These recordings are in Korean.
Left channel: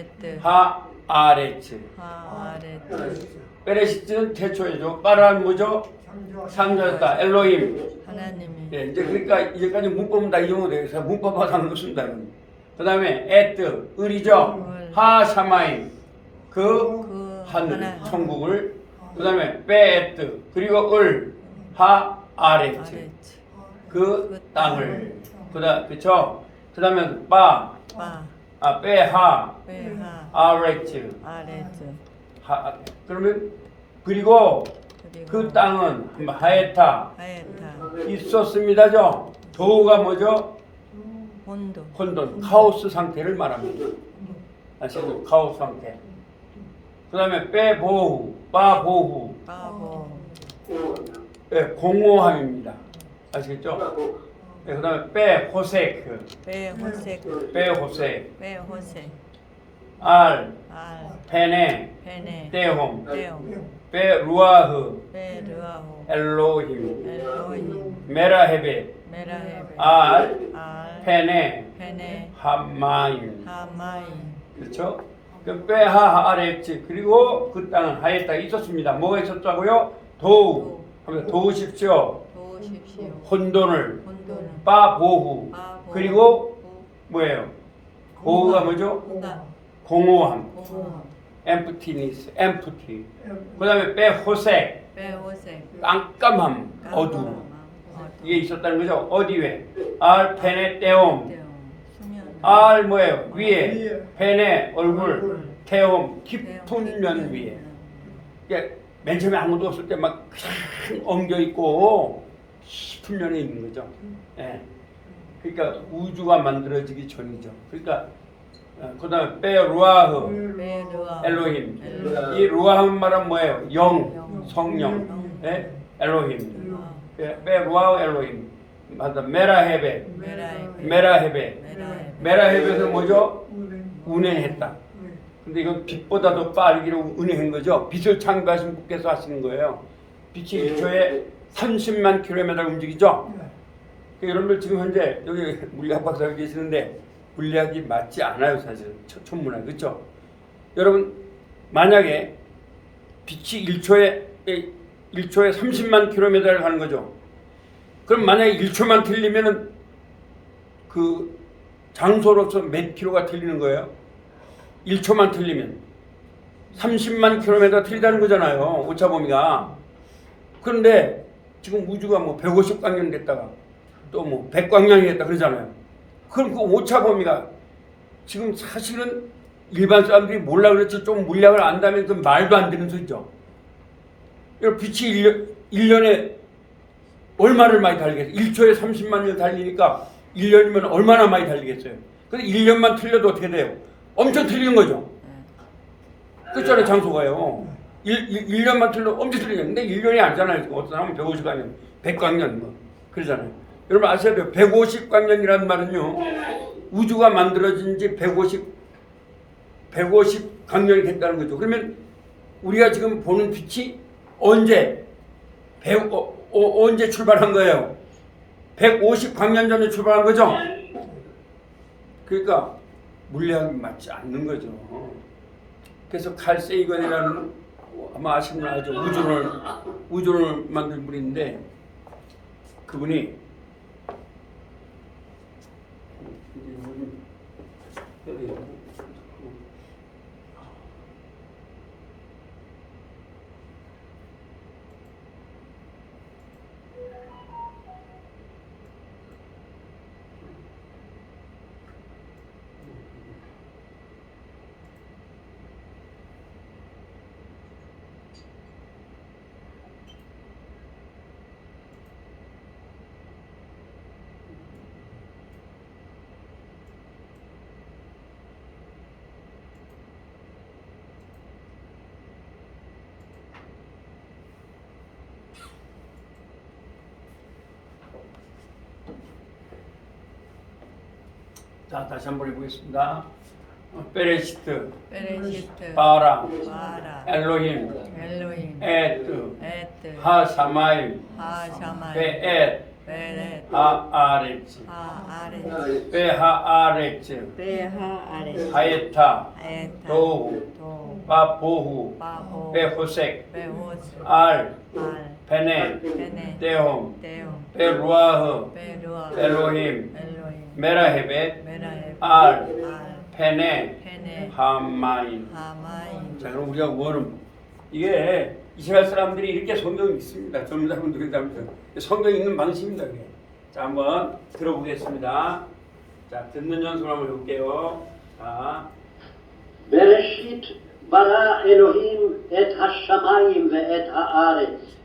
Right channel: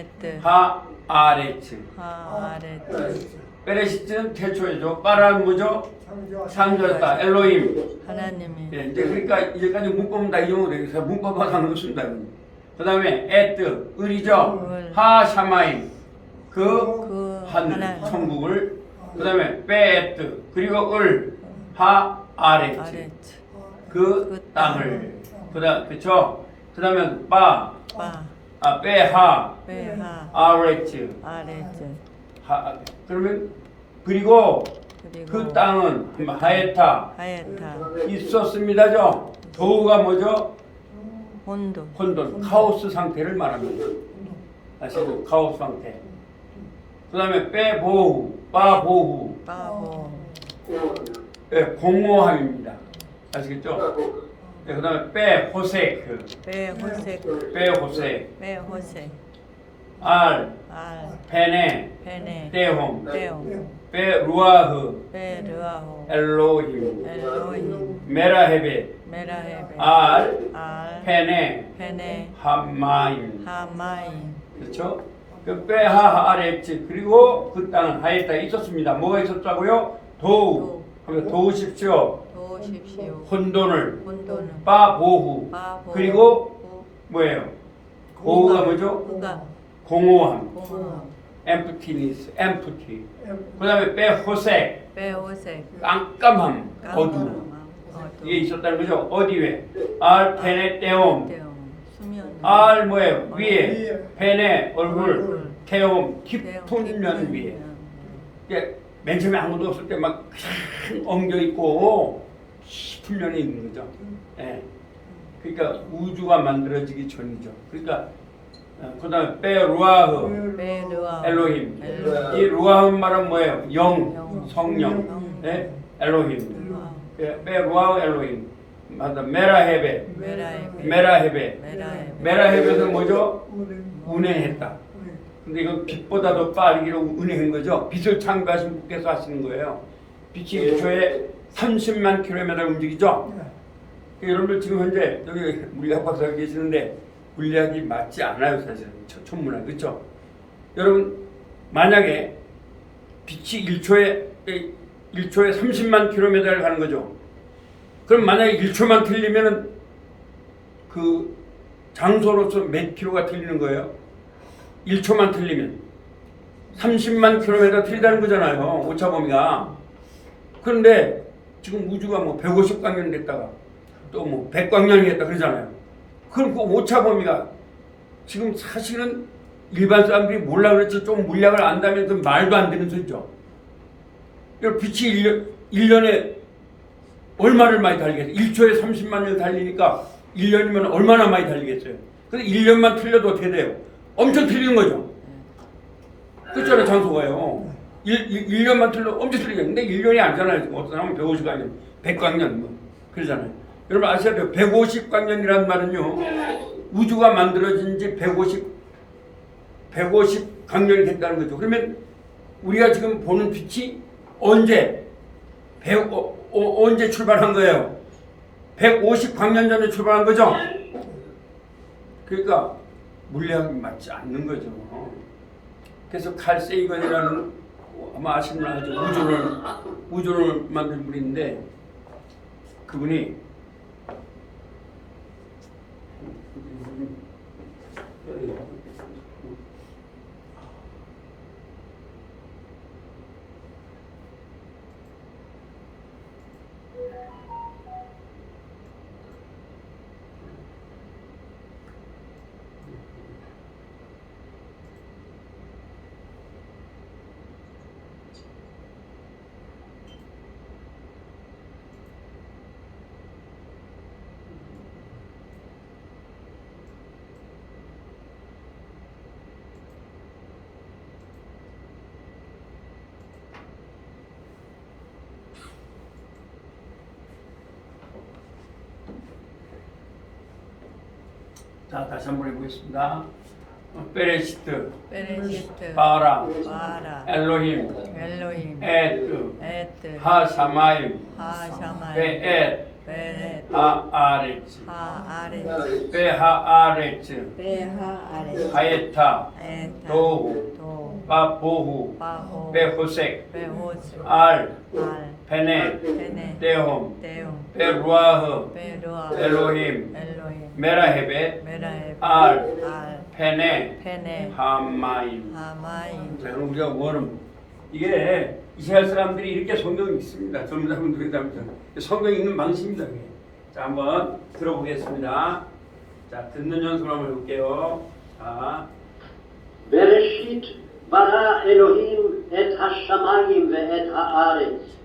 에트 하 아레츠. 하아레츠 베레시트는 태초이죠. 빠라는 뭐죠? 창조했다. 엘로힘. 하나님이 예, 이제 그러니까 이제까지 문법은 다 이용을 해서 문법과 상관없습니다. 그 다음에 에트 을이죠. 을. 하 샤마임 그 그 하늘 하나님. 천국을. 그 다음에 베 에트 그리고 을 하 아레츠 아레츠 그 땅을. 그다음 그쵸. 그 다음에 바 베하 베하 아레츠 아레츠 그러면 그리고 그리고 그 땅은 하에타 하에타 있었습니다죠. 도우가 뭐죠? 혼돈 혼돈, 카오스 상태를 말합니다. 아시죠? 카오스 상태. 그 다음에 빼보후, 빠보후, 바보 예, 공허함입니다. 아시겠죠? 예, 그 다음에 빼호세크, 베호색 빼호세, 베호색 알, 알 페네, 페네 떼홈, 테오 빼루아흐, 베르아호 엘로힘, 엘로힘 메라헤베, 메라헤베 알, 알 페네, 페네 함마임. 하마임 그렇죠? 그 빼하 아레츠 그리고 그 땅은 하에타 있었습니다. 뭐가 있었다고요? 도우. 그러면 도우십시오. 도우십시오 혼돈을. 혼돈은 빠보후. 바보 그리고 뭐예요? 보후가 뭐죠? 후가 공허함. 공허 emptiness, empty. 그다음에 빼호색, 베호색 깜깜함, 어두. 깜깜함 어두 이게 있었다는 거죠. 어디에? 알 페네 떼옴. 때움 수면 알 뭐예요? 위에. 페네 얼굴. 얼굴. 태옴 깊은 면 위에. 이게 맨 처음에 아무도 없을 때 막 엉겨 있고 깊은 면에 있는 거죠. 예. 그러니까 우주가 만들어지기 전이죠. 그러니까 그다음에 베루아흐 베르아 엘로힘. 엘로힘. 이 루아흐 말은 뭐예요? 영, 영. 성령. 영. 예? 엘로힘. 베르아 베루아흐 엘로힘. 맞다. 메라헤베. 메라헤베 메라헤베. 메라헤베 메라헤베는 뭐죠? 운행했다. 근데 이건 빛보다 더 빠르기로 운행한 거죠. 빛을 창조하신 분께서 하시는 거예요. 빛이 1초에 30만 킬로미터 움직이죠. 여러분들 지금 현재 여기 물리학 박사가 계시는데 물리학이 맞지 않아요, 사실. 천문학 그렇죠? 여러분 만약에 빛이 1초에 30만 킬로미터를 가는 거죠. 그럼 만약에 1초만 틀리면은 그 장소로서 몇 킬로가 틀리는 거예요? 1초만 틀리면 30만 킬로미터 틀리다는 거잖아요. 오차 범위가. 그런데 지금 우주가 뭐 150광년 됐다가 또 뭐 100광년이 됐다 그러잖아요. 그럼 그 오차 범위가 지금 사실은 일반 사람들이 몰라 그렇지 좀 물리학을 안다면 그 말도 안 되는 소리죠. 빛이 1년에 얼마를 많이 달리겠어요? 1초에 30만 년 달리니까 1년이면 얼마나 많이 달리겠어요? 근데 1년만 틀려도 어떻게 돼요? 엄청 틀리는 거죠. 그렇잖아요, 장소가요. 1년만 틀려도 엄청 틀리죠. 근데 1년이 아니잖아요. 지금 어떤 사람은 150광년, 100광년 뭐 그러잖아요. 여러분 아셔야 돼요. 150광년이라는 말은요. 우주가 만들어진 지 150광년이 됐다는 거죠. 그러면 우리가 지금 보는 빛이 언제 출발한 거예요? 150광년 전에 출발한 거죠. 그러니까 물리학이 맞지 않는 거죠. 그래서 칼 세이건이라는 아마 아시는 분 알죠. 우주를 만든 분인데 그분이 자 다시 한번 해보겠습니다. 베레시트, 바라, 엘로힘 에트, 에트 하샤마임, 하샤마임 베엣, 베레 하아레츠 하아레츠 베하아레츠 베하아레츠 하에타 에타 도후 도 바보후 바호 베호색 베호스 알 알 페네 페네 데홈 데움 베루아흐 베루아 엘로힘 엘로힘 메라헤벳 메라헤 알 페네 페네 하마임. 하마임 자, 그럼 우리가 뭐는 이게 이스라엘 사람들이 이렇게 성경 읽습니다. 전문사분들이 담으면 성경 읽는 방식입니다. 그게. 자, 한번 들어보겠습니다. 자, 듣는 연습을 한번 해볼게요. 자, בראשית ברא אלוהים את השמיים ואת הארץ.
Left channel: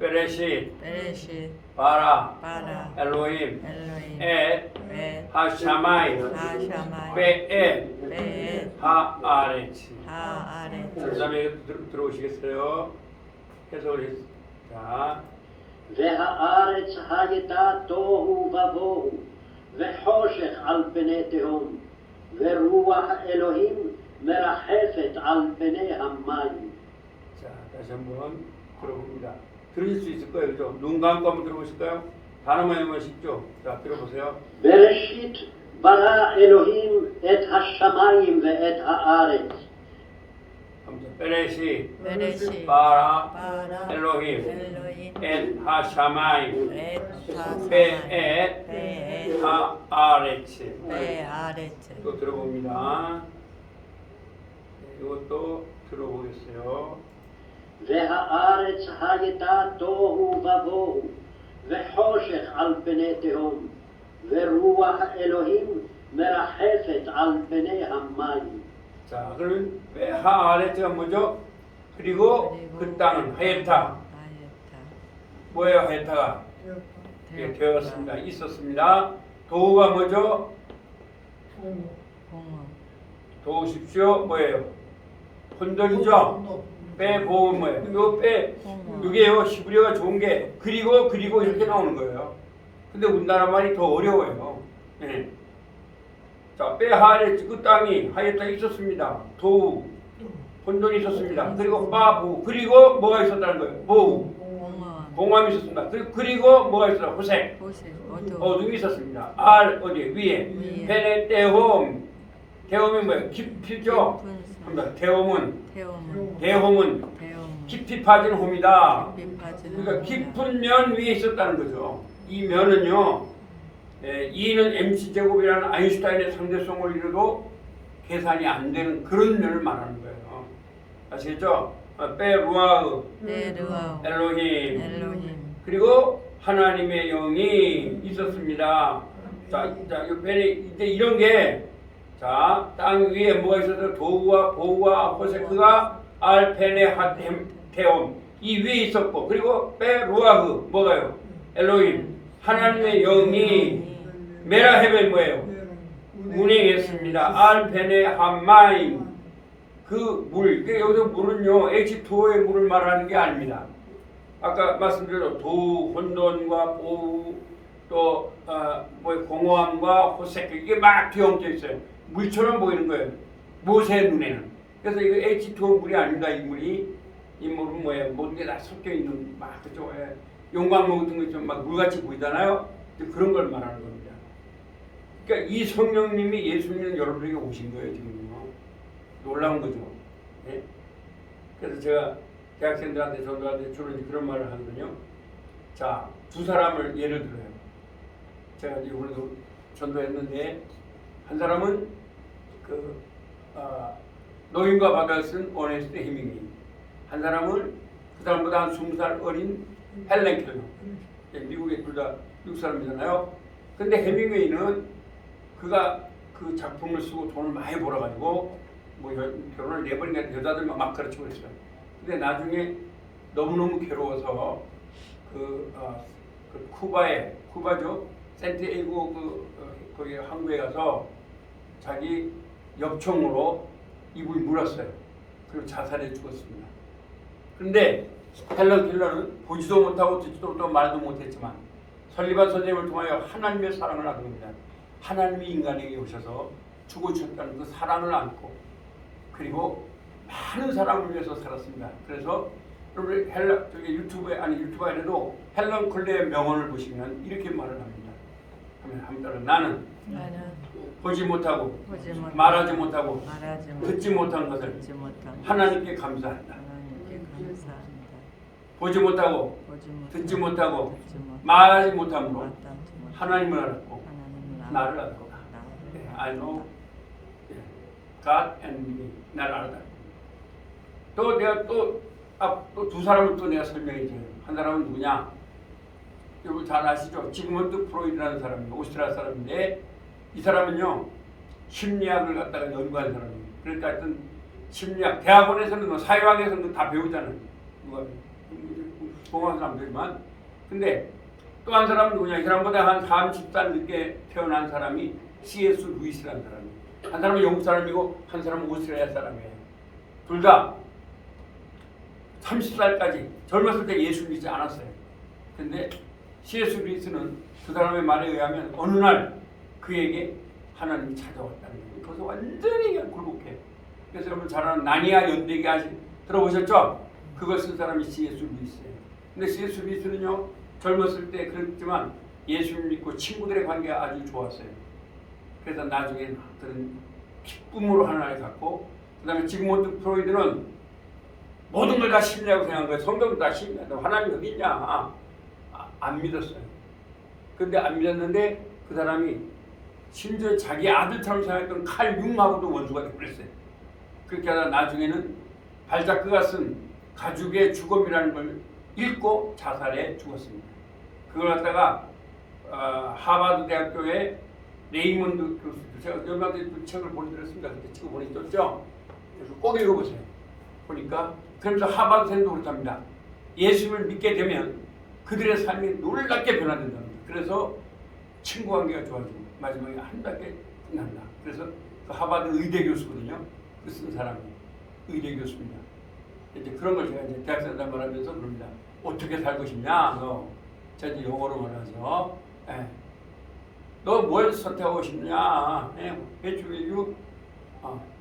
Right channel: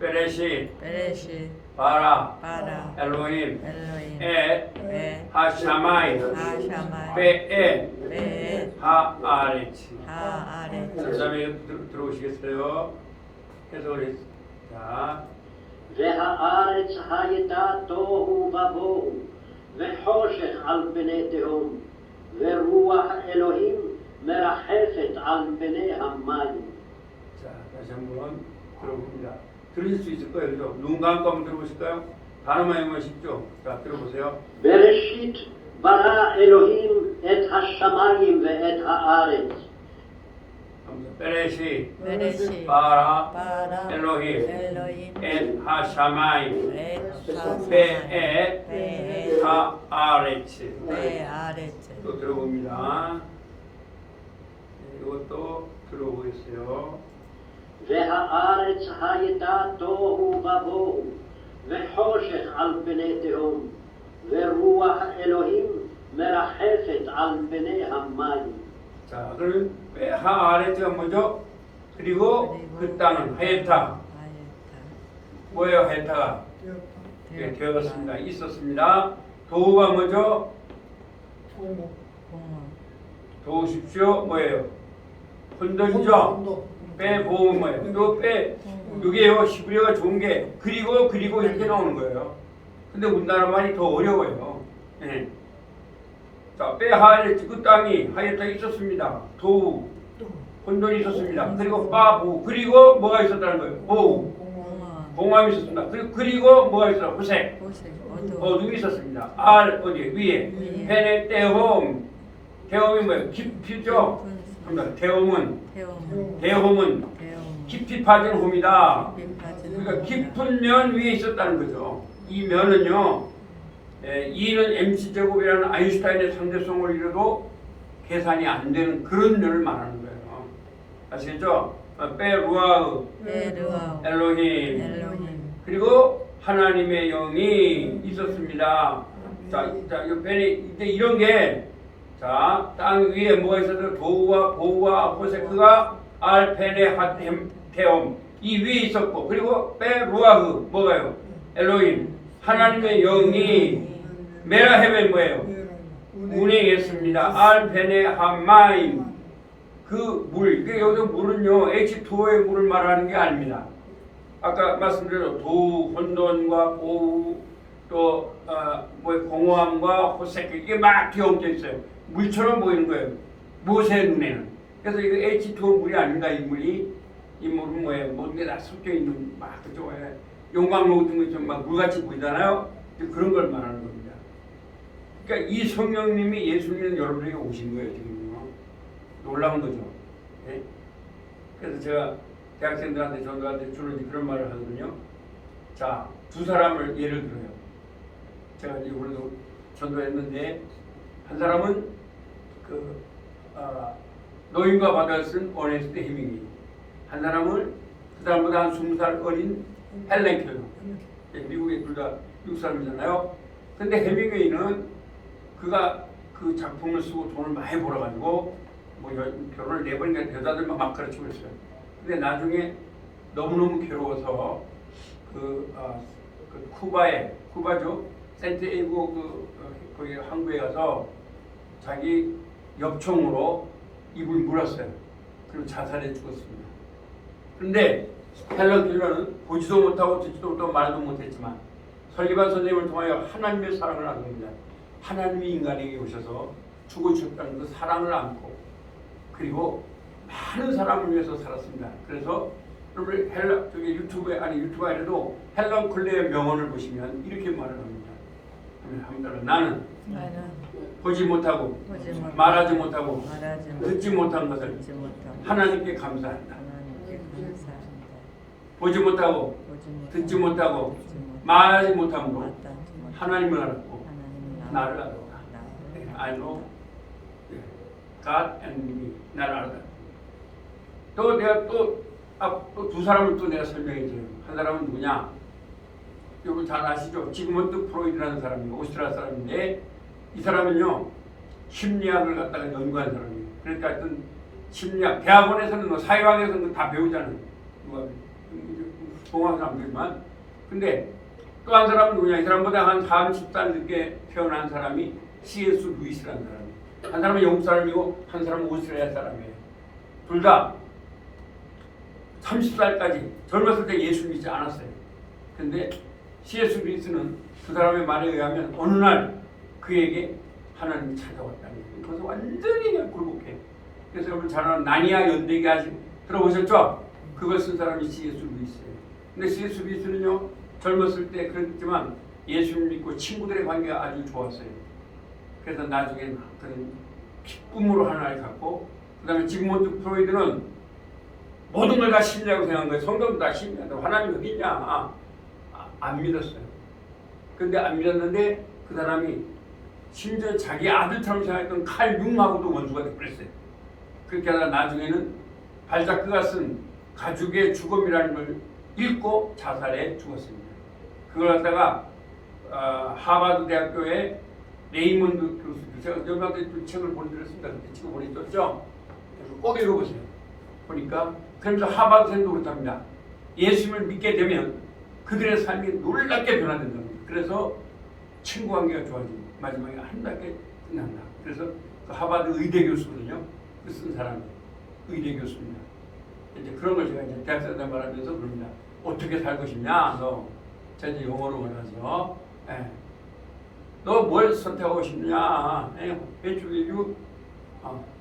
베레시 베레시 바라 바라 엘로힘 엘로힘 에 베 하샤마이 하샤마이 베에 베 하아레츠. 하아레츠 그다음에 들어오시겠어요? 해석을 했. 자, והארץ הייתה תוהו ובוהו וחושך על פני תהום ורוח אלוהים מרחפת על פני המים. 자, 다시 한번 들어봅니다. 들으실 수 있을 거예요, 그죠? 눈 감고 한번 들어보실까요? 단어만 읽으면 쉽죠? 자, 들어보세요. בראשית ברא אלוהים את השמיים ואת הארץ. 베레시 베레시 바라 바라 엘로힘 엘로힘 엔 하샤마이 에 하사마이 베에 베에 하아레츠. 베 아레츠 또 들어봅니다. 이것도 들어보겠어요. והארץ הייתה תוהו ובוהו וחושך על פני תהום ורוח אלוהים מרחפת על פני המים. 자, 그러면 하아레츠가 뭐죠? 그리고 그 땅은 하예타. 하예타 뭐예요, 하예타가? 되었습니다. 있었습니다. 도우가 뭐죠? 공원 도우십시오. 뭐예요? 혼돈이죠. 빼보은 뭐예요? 요 빼, 요게요 히브리어가 좋은 게 그리고 이렇게 나오는 거예요. 근데 우리나라 말이 더 어려워요. 예. 자, 빼하레츠 그 땅이 하였다 있었습니다. 도우 혼돈이 있었습니다. 그리고 빠부 그리고 뭐가 있었다는 거예요? 보우 공원 봉함이 있었습니다. 그리고 뭐가 있었다? 호색 호색 어둠 어둠이 있었습니다. 알 어디 위에 페네 데홈 데홈이 뭐예요? 깊이죠. 데홈은 태움은 대홈은 태움은 깊이 빠진 홈이다. 깊이 빠지는 그러니까 홈이다. 깊은 면 위에 있었다는 거죠. 이 면은요, E는 MC 제곱이라는 아인슈타인의 상대성을 이뤄도 계산이 안 되는 그런 면을 말하는 거예요. 아시겠죠? 빼루아우 베르아우 엘로힘 엘로힘 그리고 하나님의 영이 있었습니다. 자, 이 펜에 이제 이런 게 자, 땅 위에 뭐가 있어도 도우와 보우와 호세크가 알펜의 하템테옴 이 위에 있었고 그리고 베루아흐 뭐가요? 엘로힘 하나님의 영이 메라헤벤 뭐예요? 운행했습니다. 알펜의 하마임 그 물, 그러니까 여기서 물은요 H2O의 물을 말하는 게 아닙니다. 아까 말씀드린 도, 혼돈과 보우 또 공허함과 호색 이게 막 뒤엉켜 있어요. 물처럼 보이는 거예요. 모세의 눈에는. 그래서 이거 H2O 물이 아닙니다. 이 물이 이 물은 뭐예요? 모든 게 다 섞여 있는 막 그죠? 용광로 같은 거 좀 막 물같이 보이잖아요. 그런 걸 말하는 겁니다. 그러니까 이 성령님이 예수님은 여러분에게 오신 거예요 지금. 놀라운 거죠. 예? 그래서 제가 대학생들한테 전도한테 주로 그런 말을 하거든요. 자, 두 사람을 예를 들어요. 제가 이제 오늘도 전도했는데 한 사람은 노인과 바다를 쓴 어네스트 헤밍웨이, 한 사람은 그 사람보다 한 20살 어린 헬렌 켈러. 미국에 둘 다 미국 사람이잖아요. 근데 헤밍웨이는 그가 그 작품을 쓰고 돈을 많이 벌어가지고 뭐 결혼을 4번인가 여자들만 막 가르치고 그랬어요. 근데 나중에 너무너무 괴로워서 그 쿠바죠 샌티에고 거기 항구에 가서 자기 엽총으로 입을 물었어요. 그리고 자살해 죽었습니다. 그런데 헬런 킬러는 보지도 못하고 듣지도 못하고 말도 못했지만 설리반 선생님을 통하여 하나님의 사랑을 알게 됩니다. 하나님이 인간에게 오셔서 주고 주셨다는 그 사랑을 안고 그리고 많은 사람을 위해서 살았습니다. 그래서 여러분 저기 유튜브에 유튜브에도 헬런 컬러의 명언을 보시면 이렇게 말을 합니다. 그러면 한번 나는 나는 보지 못하고 보지 못하고 말하지 못하고 말하지 듣지 못한 것을 듣지 못하고 하나님께 감사한다. 하나님께 감사합니다. 보지 못하고 보지 못하고 듣지 못하고 듣지 못하고 말하지 못함으로 마땅치 못하고 하나님을 알았고 하나님을 나를 알았고 알았다. 나를 예, I know 알았다. God and me. 나를 알았다. 또 내가 또 두 사람을 또 내가 설명해 줘요. 한 사람은 누구냐? 여러분 잘 아시죠? 지금은 프로이드라는 사람이에요. 오스트리아 사람인데 이 사람은요 심리학을 갖다가 연구한 사람이에요. 그러니까 하여튼 심리학 대학원에서는 뭐 사회학에서는 다 배우잖아요. 누가 공학은 안 배우지만 근데 또 한 사람은 누구냐? 이 사람보다 한 30살 늦게 태어난 사람이 C.S. 루이스라는 사람이에요. 한 사람은 영국 사람이고 한 사람은 오스트리아 사람이에요. 둘 다 30살까지 젊었을 때 예수 믿지 않았어요. 근데 C.S. 루이스는 그 사람의 말에 의하면 어느 날 그에게 하나님이 찾아왔다는 거예요. 그래서 완전히 그냥 굴복해. 그래서 여러분 잘 아는 나니아 연대기 들어보셨죠? 그걸 쓴 사람이 C.S. 루이스예요. 근데 C.S. 루이스는요 젊었을 때 그랬지만 예수를 믿고 친구들의 관계가 아주 좋았어요. 그래서 나중에는 그런 기쁨으로 하나를 갖고 그 다음에 지그몬드 프로이드는 모든 걸 다 심리하고 생각한 거예요. 성경도 다 심리하고 하나님 어디 있냐 안 믿었어요. 근데 안 믿었는데 그 사람이 심지어 자기 아들처럼 생각했던 칼 융하고도 원수가 됐어요. 그렇게 하다 나중에는 발자크가 쓴 가죽의 죽음이라는 걸 읽고 자살해 죽었습니다. 그걸 갖다가 하버드 대학교의 레이먼드 교수, 제가 여러분한테 책을 보내드렸습니다. 그때 책을 보내드렸죠. 그래서 꼭 읽어보세요. 보니까 그러면서 하버드생도 그렇답니다. 예수를 믿게 되면 그들의 삶이 놀랍게 변화된다는 거예요. 그래서 친구 관계가 좋아지고 마지막에 아름답게 끝난다. 그래서 그 하버드 의대 교수거든요. 그 쓴 사람이 의대 교수입니다. 이제 그런 걸 제가 이제 대학생들 말하면서 그럽니다. 어떻게 살고 싶냐? 너 제가 이제 영어로 말하죠. 예. 너 뭘 선택하고 싶냐? Which will you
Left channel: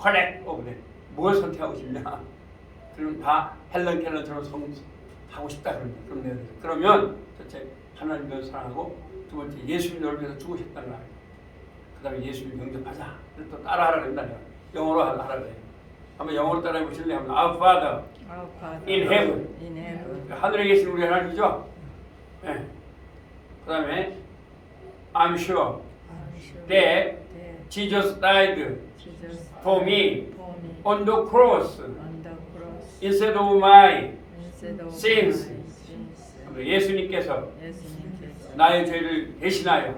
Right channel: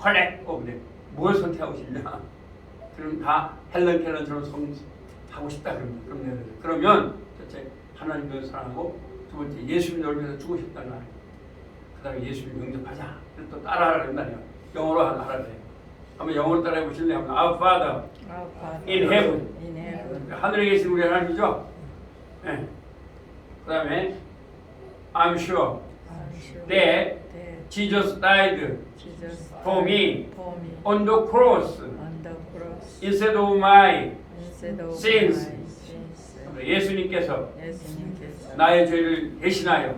collect of them? 뭘 선택하고 싶냐? 그럼 다 헬런 켈러처럼 하고 싶다 그럽니다. 그러면 첫째 하나님을 사랑하고 두 번째 예수님 너를 위해서 죽으셨다는 말. 그다음에 예수님 영접하자. 그래서 또 따라하라 그런다. 영어로 하라 그래요. 한번 영어로 따라해 보실래요? Our Father in heaven. In heaven. 하늘에 계신 우리 하나님이죠. 네. 그다음에 I'm sure that Jesus died for me on the cross instead of my sins. 예수님께서 나의 죄를 대신하여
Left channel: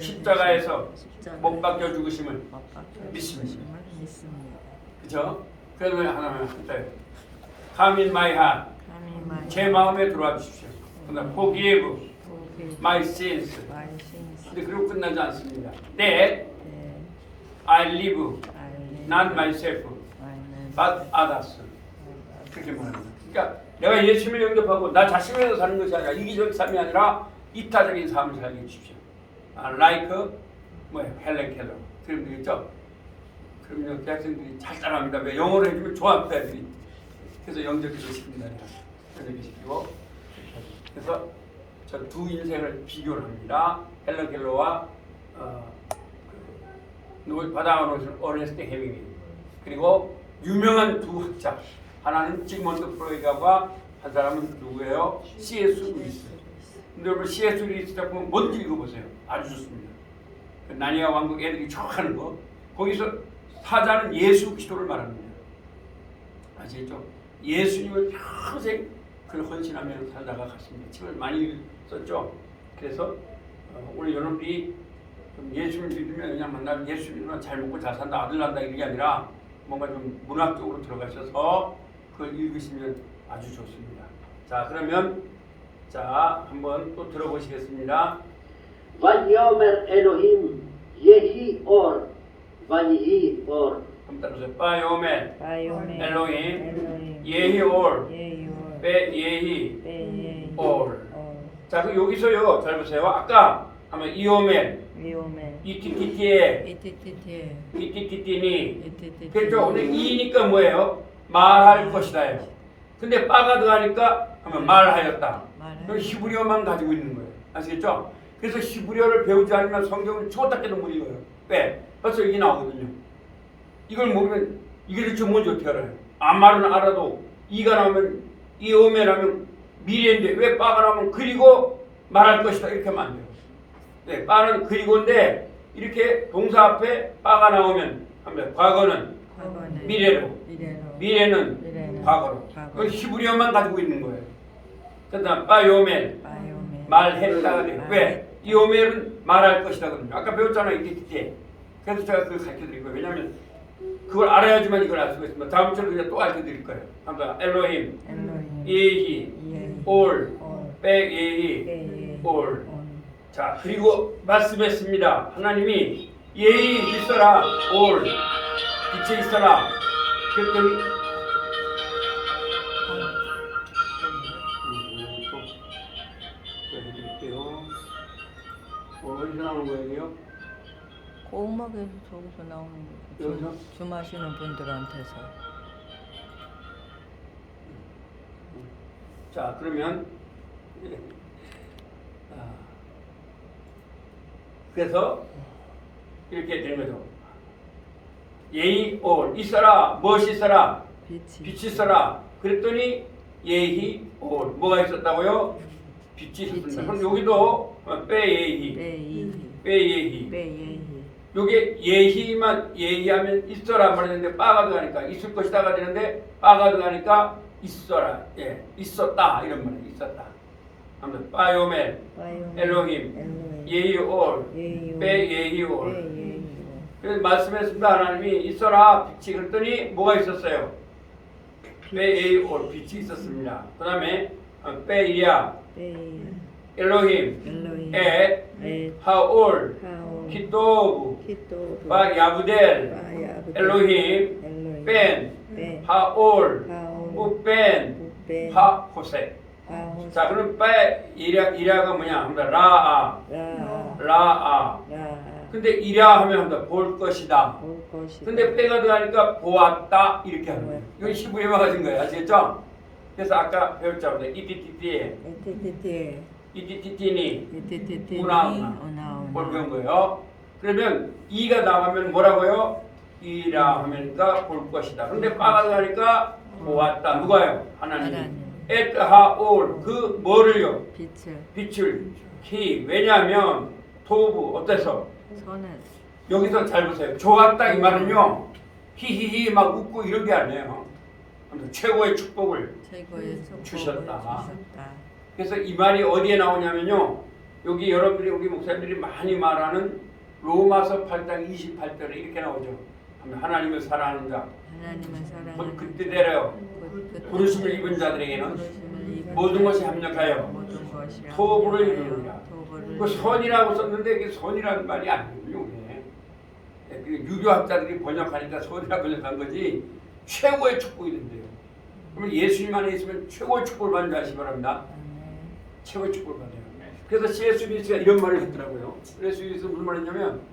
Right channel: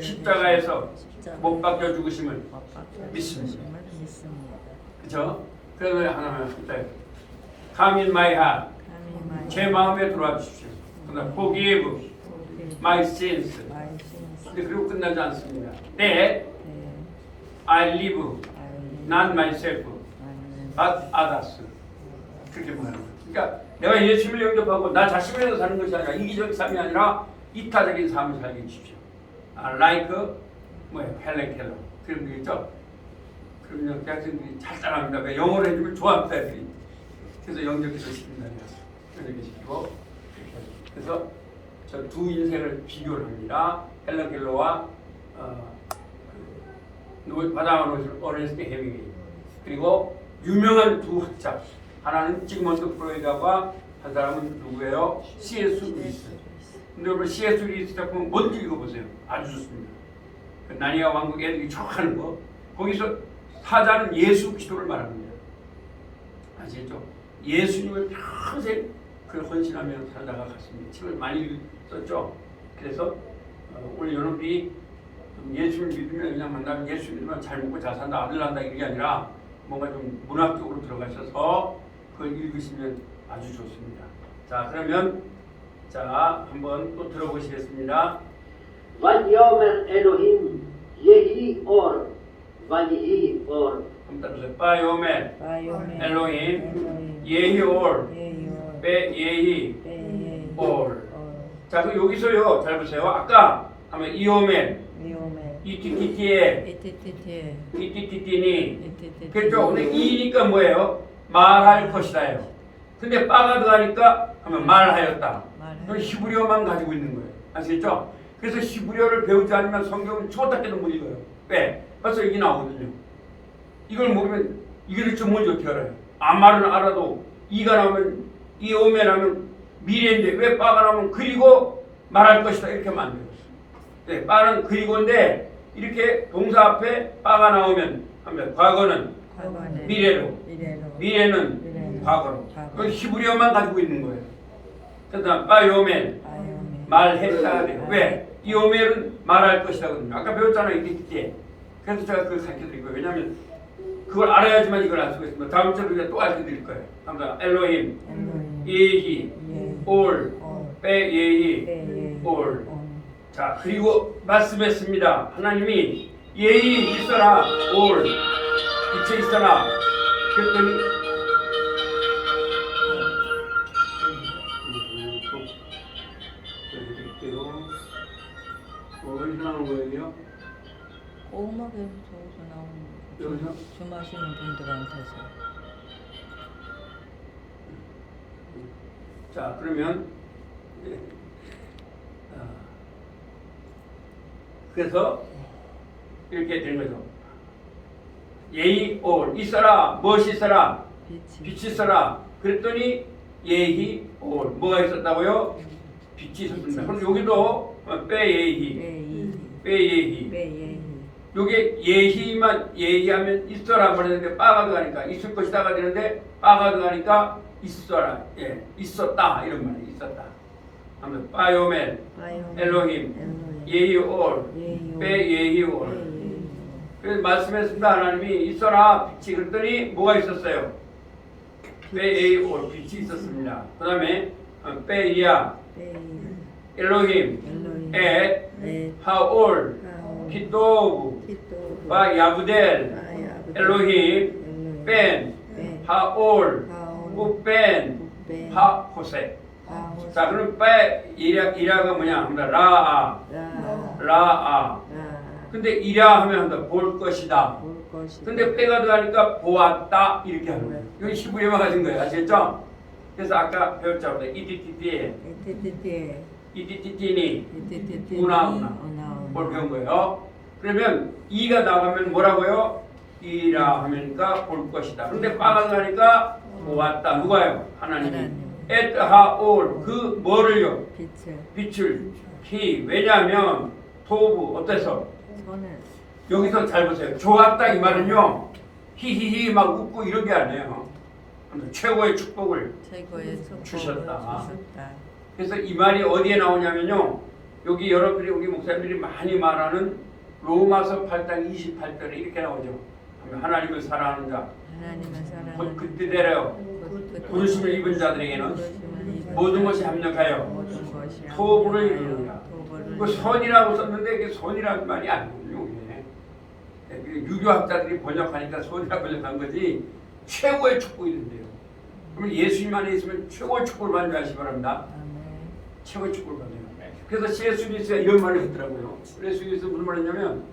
십자가에서 못 박혀 죽으심을 믿습니다. 그죠? 그래서 하나만 했어요. Come in my heart. 제 마음에 들어와 주십시오. 그다음 forgive my sins. 근데 그리고 끝나지 않습니다. That I live not myself but others. 그렇게 말합니다. 그러니까 내가 예수를 영접하고 나 자신에서 사는 것이 아니라 이기적 삶이 아니라 이타적인 삶을 살게 해주십시오. Like 헬렌 켈러 그런 거 있죠? 그러면 대학생들이 잘 따라합니다. 왜 영어로 해주면 좋아합니다. 애들이. 그래서 영접해서 시킨다. 영접시키고 그래서 저 두 인생을 비교를 합니다. 헬렌 켈러와 바다노스 어레스트 헤밍웨이. 그리고 유명한 두 학자 하나는 지그먼트 프로이드와 한 사람은 누구예요? C.S. 루이스. 근데 여러분 C.S. 루이스 작품 먼저 읽어보세요. 아주 좋습니다. 그 나니아 왕국 애들이 좋아하는 거 거기서 사자는 예수 그리스도를 말합니다. 아시겠죠? 예수님을 평생 그 헌신하며 살다가 갔습니다. 책을 많이 썼죠. 그래서 우리 여러분이 예수를 믿으면 그냥 만나면 예수 믿으면 잘 먹고 잘 산다 아들 난다 이게 아니라 뭔가 좀 문학적으로 들어가셔서 그걸 읽으시면 아주 좋습니다. 자 그러면 자 한번 또 들어보시겠습니다. ויאמר אלוהים יהי אור ויהי אור. 그럼 따라서 바이오멜 바이오멜 엘로힘 예히올 베예히 올. 자 그럼 여기서요 잘 보세요. 아까 하면 이오멜 이티티티에 이티티티니 그렇죠. 근데 이니까 뭐예요? 말할 것이다요. 근데 빠가 들어가니까 하면 말하였다. 말하였다. 그건 히브리어만 가지고 있는 거예요. 아시겠죠? 그래서 히브리어를 배우지 않으면 성경은 초답게도 못 읽어요. 왜? 벌써 이게 나오거든요. 이걸 모르면 이게 대체 뭔지 어떻게 알아요? 말은 알아도 이가 나오면 이 오메 나오면 미래인데 왜 빠가 나오면 그리고 말할 것이다 이렇게 하면 안 돼요. 네, 빠는 그리고인데 이렇게 동사 앞에 빠가 나오면 합니다. 과거는 과거는 미래로, 미래로 미래는 과거로. 과거. 이건 히브리어만 가지고 있는 거예요. 그다음 빠요멘 바이오멘 말했다가 돼요. 왜? 이 오멜은 말할 것이다 그러죠. 아까 배웠잖아요. 이때. 그래서 제가 그걸 가르쳐드릴 거예요. 왜냐하면 그걸 알아야지만 이걸 알 수가 있습니다. 다음 주에 우리가 또 알려드릴 거예요. 합니다. 엘로힘, 엘로힘 예히, 예히 올, 올 빼예히, 빼예히 올. 온 자, 그리고 말씀했습니다. 하나님이 예히 있어라, 올, 빛에 있어라. 그랬더니 어디서 나오는 거예요? 꼬막에서 저기서 나오는 여기서? 거죠. 주 마시는 분들한테서 자, 그러면 그래서 이렇게 되는 거죠. 예히 올 있어라, 무엇이 있어라, 빛이 있어라. 그랬더니 예히 올 뭐가 있었다고요? 빛이 있었습니다. 그럼 여기도 빼예히, 빼예히. 빼예히 요게 예히만 예히하면 있어라 그러는데 빠가 들어가니까 있을 것이다가 되는데 빠가 들어가니까 있어라, 예, 있었다 이런 말이 있었다. 아무튼 바이오멘, 엘로힘, 예히올, 빼예히올. 그래서 말씀했습니다. 하나님이 있어라 빛이 그랬더니 뭐가 있었어요? 빼예히올 빛이 있었습니다. 그 다음에 빼이리아, 엘로힘, 엣, 하올, 키토브, 바야부델, 엘로힘, 벤, 하올, 우벤, 하호세. 자, 그럼 이라가 뭐냐? 합니다. 라아. 근데 이라 하면 한다. 볼 것이다. 근데 빼가 들어가니까 보았다 이렇게 하는 거예요. 이건 히브리어만 가진 거예요. 아시겠죠? 그래서 아까 배웠잖아요. 이티티티니 우나 뭘 배운 거예요. 그러면 이가 나가면 뭐라고요? 이라 하면니까 볼 것이다. 근데 빠가 들어가니까 보았다. 누가요? 하나님. 에트하올 그 뭐를요? 빛을 히 왜냐하면 토부 어때서? 여기서 잘 보세요. 좋았다 이 말은요. 히히히 막 웃고 이런 게 아니에요. 최고의 축복을 주셨다. 그래서 이 말이 어디에 나오냐면요. 여기 여러분들이 우리 목사님들이 많이 말하는 로마서 8장 28절에 이렇게 나오죠. 하나님을 사랑하는 자. 곧 그때대로 부르심을 입은 자들에게는 모든 것이 합력하여 토부를 이루리라. 그 선이라고 썼는데 이게 선이라는 말이 아니거든요. 유교학자들이 번역하니까 선이라고 번역한 거지 최고의 축복이 된대요. 그럼 예수님 안에 있으면 최고의 축복을 받는 줄 아시기 바랍니다. 최고의 축복을 받아요. 그래서 C.S. 루이스가 이런 말을 했더라고요. C.S. 루이스가 무슨 말을 했냐면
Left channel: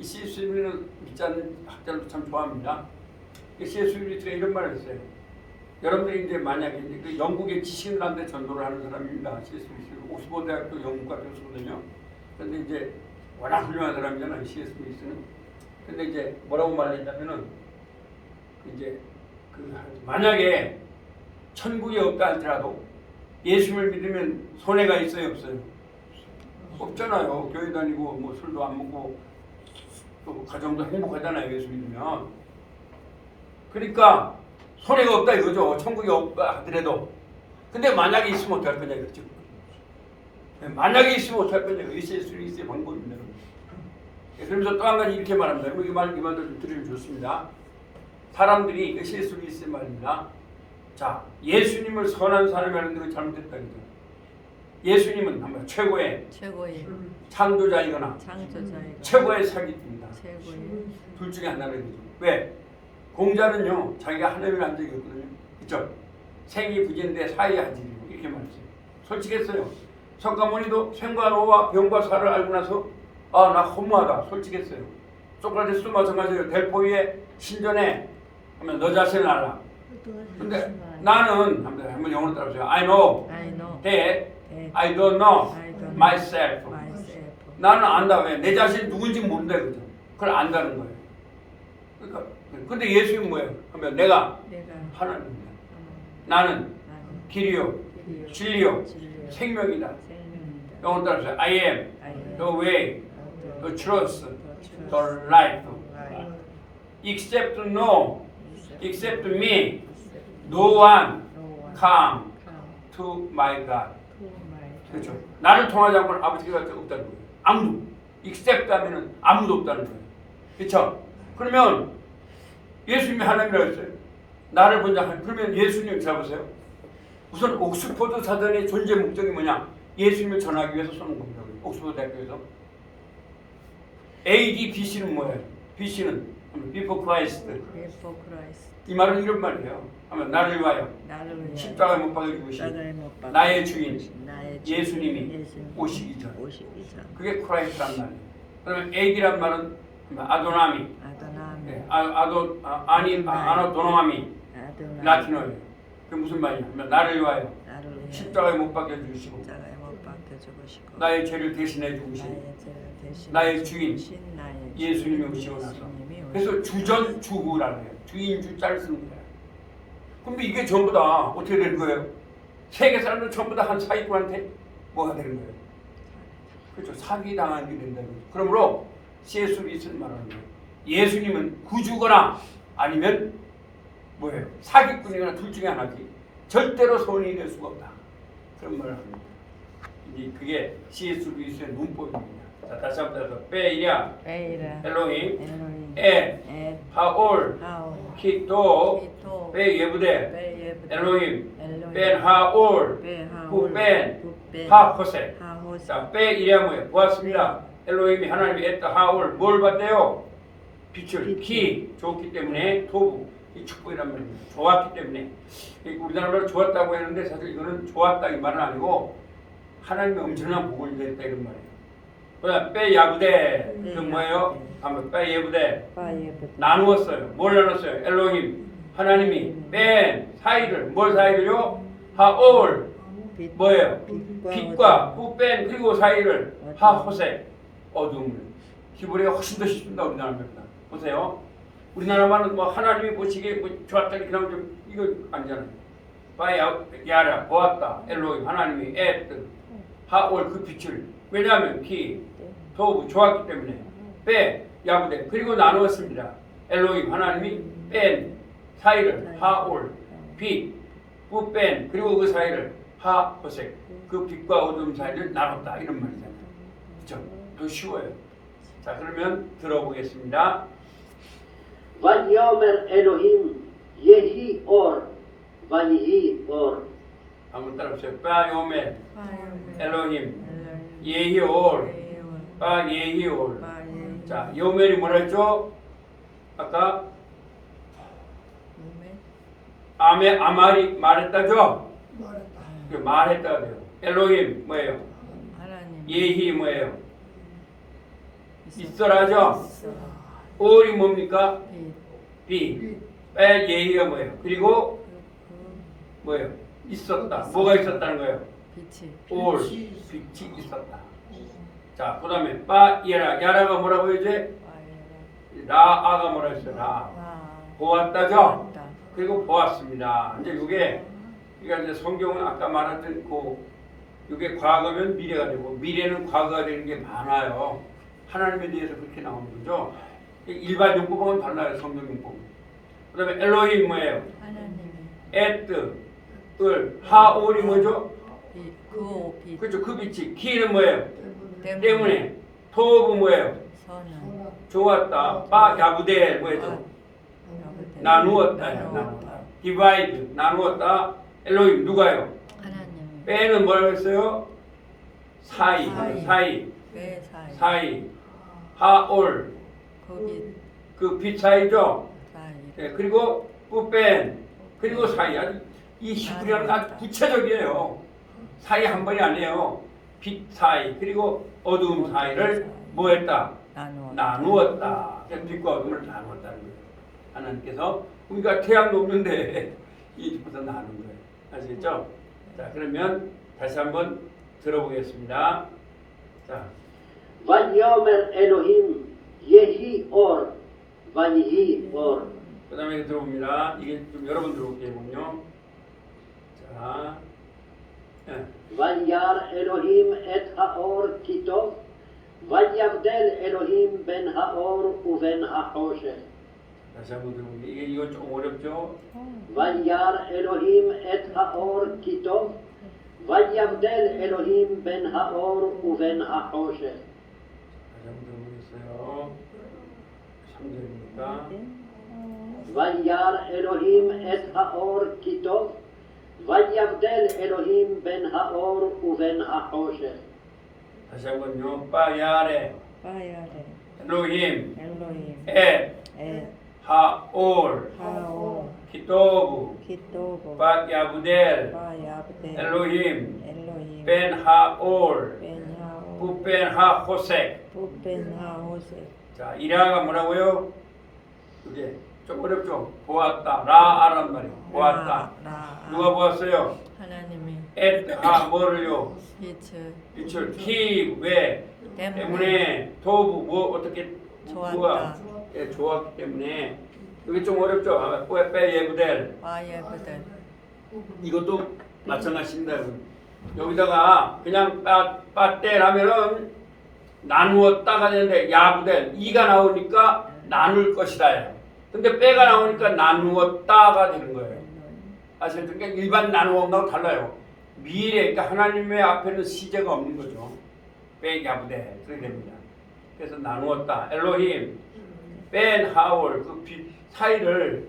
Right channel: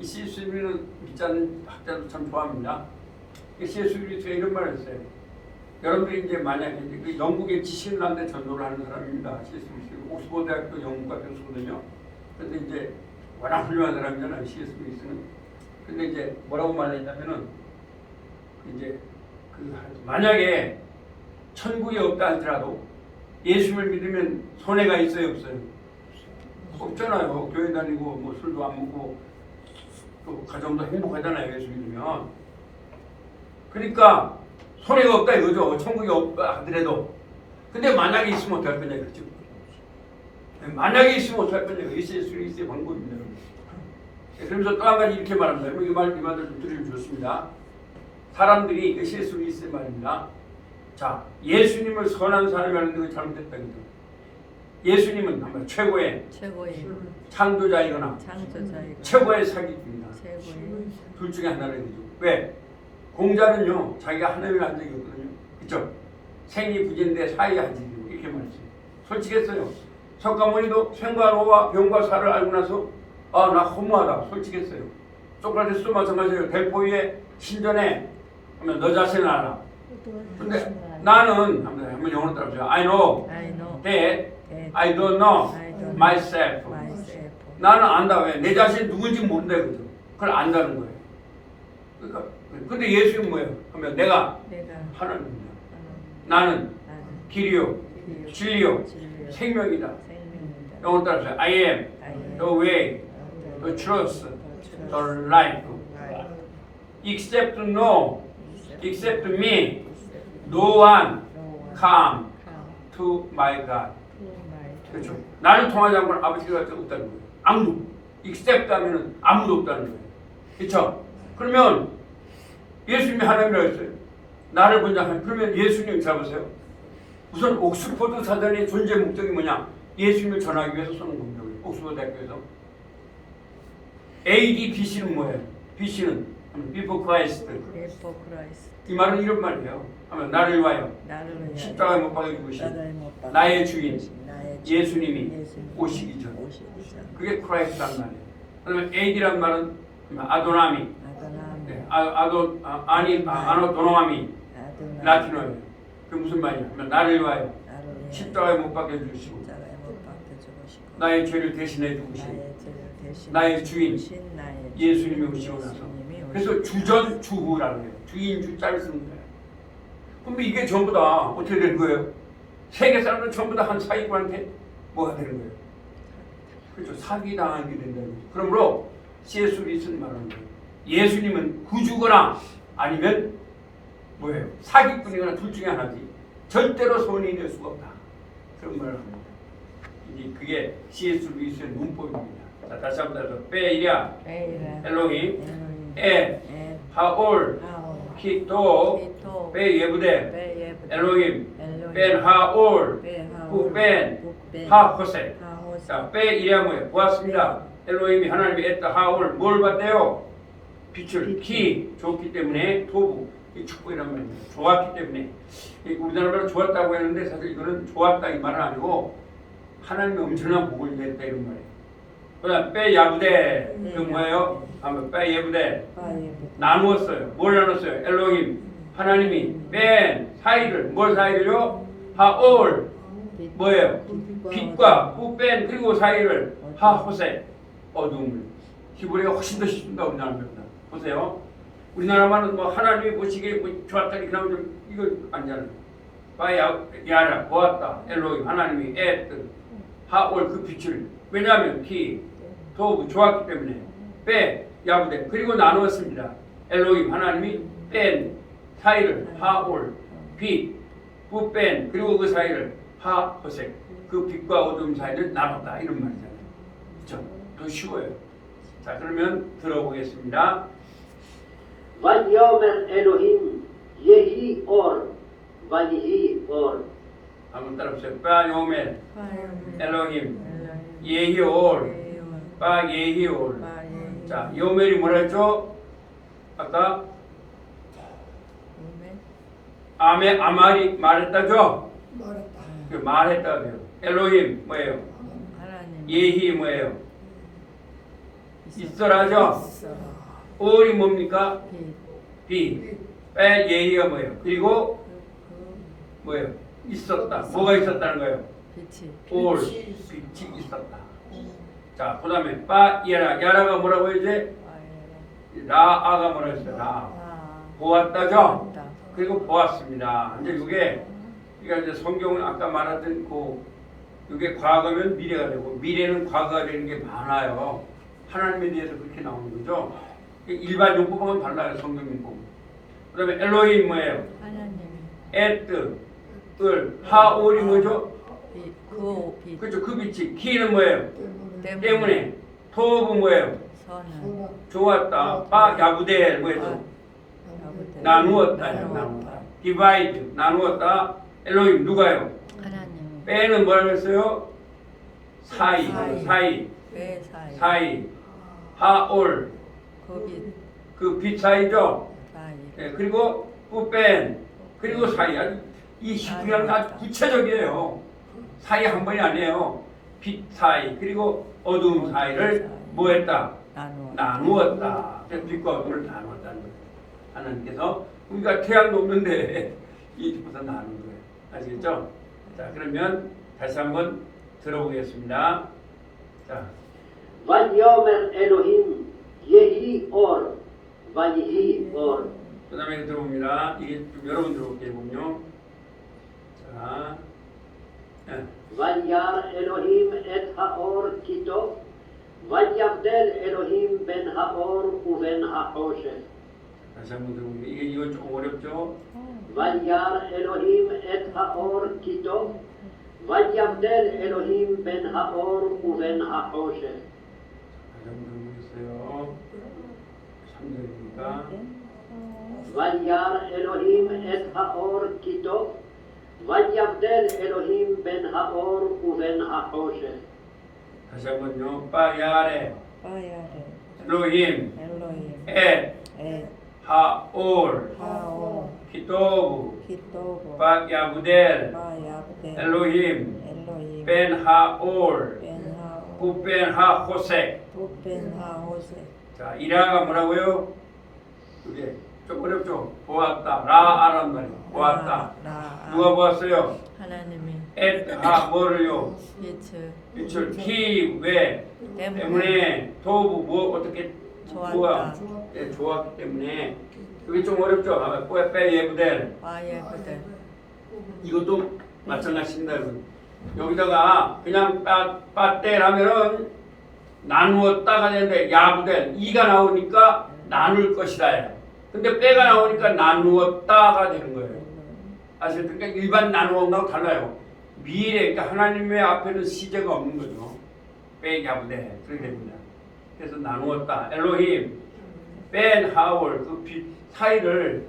이 C.S. 루이스는 믿지 않는 학자도 참 좋아합니다. C.S. 루이스가 이런 말을 했어요. 여러분들이 이제 만약에 이제 그 영국의 지식인란대 전도를 하는 사람입니다. C.S. 루이스 옥스퍼드 대학교 영문과 교수거든요. 그런데 이제 워낙 훌륭한 사람이잖아요. C.S. 루이스는. 근데 이제 뭐라고 말했냐면은 이제 그 만약에 천국이 없다 할지라도 예수를 믿으면 손해가 있어요, 없어요? 없잖아요. 교회 다니고 뭐 술도 안 먹고 또 가정도 행복하잖아요, 예수 믿으면. 그러니까 손해가 없다 이거죠. 천국이 없다 하더라도. 근데 만약에 있으면 어떡할 거냐 이거죠. 만약에 있으면 어떡할 거냐. 예수 그리스도의 방법입니다. 그러면서 또 한 가지 이렇게 말합니다. 이 말을 좀 들으면 좋습니다. 사람들이 예수 그리스도의 말입니다. 자, 예수님을 선한 사람이라는 게 잘못됐다 이거죠. 예수님은 아마 최고의 창조자이거나 최고의 사기꾼이다. 둘 중에 하나를 해야죠. 왜? 공자는요 자기가 하나님을 한 적이 없거든요. 그렇죠? 생이 부재인데 사이 하지 이렇게 말했어요. 솔직했어요. 석가모니도 생과 로와 병과 사를 알고 나서 나 허무하다 솔직했어요. 소크라테스도 마찬가지예요. 델포이의 신전에 하면 너 자신을 알아. 근데 나는 한번 영어로 따라보세요. I know I know that that I don't know I don't myself. myself. 나는 안다. 왜? 내 자신이 누군지 모른다 그죠? 그걸 안다는 거예요. 그러니까 근데 예수는 뭐예요? 하면 내가 내가 하나님이다. 하나님 나는 나는 길이요, 길이요 진리요, 진리요 생명이다. 생명이다. 영어로 따라서 I am I am the way, the truth, the the life. right. Except no, except me, Except no one no one come come to my God. to my 그렇죠. God. 나는 통하지 않고 아버지가 없다는 거예요. 아무도. except 하면은 아무도 없다는 거예요. 그렇죠? 그러면 예수님이 하나님이라고 했어요. 나를 본자 하나님. 그러면 예수님 잡으세요. 우선 옥스퍼드 사전의 존재 목적이 뭐냐? 예수님을 전하기 위해서 서는 겁니다. 옥스퍼드 대학교에서. AD BC는 뭐예요? BC는 before Christ. Before Christ. 이 말은 이런 말이에요. 하면 나를 위하여 나를 위하여 십자가에 못 박혀 죽으신 십자가에 못 박혀 나의 주인 죽으신 나의 주인 예수님이 오시기 전. 오시기 전. 그게 크라이스트란 말이에요. 그다음에 AD란 말은 아도나미, 아도나미 네, 아노도노아미, 아도나미 라틴어예요. 그게 무슨 말이냐? 하면 나를 위하여 나를 위하여 십자가에 못 박혀 주시고 십자가에 못 박혀 죽으시고 나의 죄를 대신해 주시고 나의 죄를 대신 나의 주인 나의 예수님이 주인 오시고 나서 예수님이 그래서 오시고 주전 주후라고 해요. 주인 주자를 쓰는 거예요. 그럼 이게 전부 다 어떻게 되는 거예요? 세계 사람들 전부 다 한 사기꾼한테 뭐가 되는 거예요? 그렇죠. 사기 당하게 된다는 거죠. 그러므로 C.S. 루이스는 말하는 거예요. 예수님은 구주거나 아니면 뭐예요? 사기꾼이거나 둘 중에 하나지. 절대로 손이 낼 수가 없다. 그런 걸 합니다. 이제 그게 C.S. 루이스의 문법입니다. 자, 다시 한번 더. 베이랴, 베이라 엘로힘, 엘로힘 에, 하올, 하올 키토, 키토 베예브데, 베예브데 엘로힘, 엘로힘 벤 하올, 베하올 후벤, 후벤 하호세. 하호세 자, 베이랴 뭐예요? 보았습니다. 엘로힘이 하나님이 했다. 하올 뭘 봤대요? 빛을 키 좋기 때문에 토부 이 축복이란 말입니다. 좋았기 때문에 우리나라 말로 좋았다고 했는데 사실 이거는 좋았다 이 말은 아니고 하나님이 엄청난 복을 냈다 이런 말이에요. 그다음 빼야부대 그 뭐예요? 하면 빼예부대 바예브데 나누었어요. 뭘 나눴어요? 엘로힘 하나님이 뺀 사이를 뭘 사이를요? 하올 뭐예요? 빛과 후뺀 그리고 사이를 하호세 어둠을 히브리가 훨씬 더 쉽습니다. 우리나라 말보다 보세요. 우리나라 말은 뭐 하나님이 보시기에 뭐 좋았다니 그냥 이거 아니잖아요. 바야라 보았다 엘로힘 하나님이 에뜨 하올 그 빛을 왜냐하면 키 도부 좋았기 때문에 빼 야부대 그리고 나누었습니다. 엘로힘 하나님이 뺀 사이를 하올 빛 후뺀 그리고 그 사이를 하호색 그 빛과 어둠 사이를 나눴다 이런 말이잖아요. 그렇죠? 더 쉬워요. 자 그러면 들어보겠습니다. ויאמר אלוהים יהי אור ויהי אור. 한번 따라보세요. 바요멜 바요멜 엘로힘 엘로힘 예히올 예올 바예히올. 바예히 자 요멜이 뭐라 했죠? 아까 요멜 아메 아말이 말했다죠? 그 말했다고요. 엘로힘 뭐예요? 하나님 예히 뭐예요? 있어라죠? 있어라 올이 뭡니까? 빛 비. 빼 예히가 뭐예요? 그리고 그 뭐예요? 있었다. 뭐가 있었다는 거예요? 빛이 올 빛이 있었다. 자 그다음에 바예라 야라가 뭐라고 이제 바예라 라아가 뭐라 했어요? 라 아 보았다죠? 보았다. 그리고 보았습니다. 이제 그게 그러니까 이제 성경은 아까 말했던 그 이게 과거면 미래가 되고 미래는 과거가 되는 게 많아요. 하나님에 대해서 그렇게 나오는 거죠. 일반 용법하고는 달라요. 성경 용법. 그다음에 엘로힘 뭐예요? 하나님이 에뜨 을 하올이 뭐죠? 빛 그렇죠. 그 빛이 키는 뭐예요? 때문에 때문에 토부 뭐예요? 선은 좋았다. 바 야구대 뭐예요? 야부대 나누었다. 디바이드 나누었다. 엘로힘 누가요? 하나님 빼는 뭐라고 했어요? 사이 배 사이 사이 하올 그 빛 사이죠. 사이 네, 그리고 꾸뺀 그리고 사이 아주 이 히브리어는 아주 구체적이에요. 사이 한 번이 아니에요. 빛 사이 그리고 어두운 사이를 뭐했다? 나누었다. 빛과 어둠을 나누었다는 거예요. 하나님께서 우리가 태양도 없는데 이부터 나는 거예요. 아시겠죠? 자, 그러면 다시 한번 들어보겠습니다. 자, ויאמר אלוהים יהי אור ויהי אור. 그 다음에 들어봅니다. 이게 좀 여러분 들어볼게요. 자, 예. וירא אלוהים את האור כי טוב ויבדל אלוהים בין האור ובין החושך. 다시 한번 들어볼게요. 이건 좀 어렵죠? וירא אלוהים את האור כי טוב ויבדל אלוהים בין האור ובין החושך. 다시 한번 들어보겠어요. 3절이니까. וירא אלוהים את האור כי טוב ויבדל אלוהים בין האור ובין החושך. 다시 한번요. 빠야레 바야레 엘로힘 엘로힘 엣 에 하올 하올 히토부 히토보 빠야부델 바야브데 엘로힘 엘로힘 벤 하올 벤하올 부벤 하호색. 부벤하호세 자, 이라가 뭐라고요? 이게 좀 어렵죠? 보았다. 라아란 말이에요. 보았다. 라 누가 보았어요? 하나님이 엣하 뭐를요? 빛을 키왜 때문에 도부 뭐 어떻게 좋았다. 누가 예, 좋았기 때문에 그게 좀 어렵죠. 빼 예부델 바예브데 이것도 마찬가지입니다. 여러분. 여기다가 그냥 빠떼라면은 나누었다가 되는데 야부델 이가 나오니까 나눌 것이다. 근데 빼가 나오니까 나누었다가 되는 거예요. 아시겠죠? 그러니까 일반 나누는 거하고 달라요. 미래, 그러니까 하나님의 앞에는 시제가 없는 거죠. 빼 야부델 그렇게 됩니다. 그래서 나누었다. 엘로힘 뺀 하올 그 사이를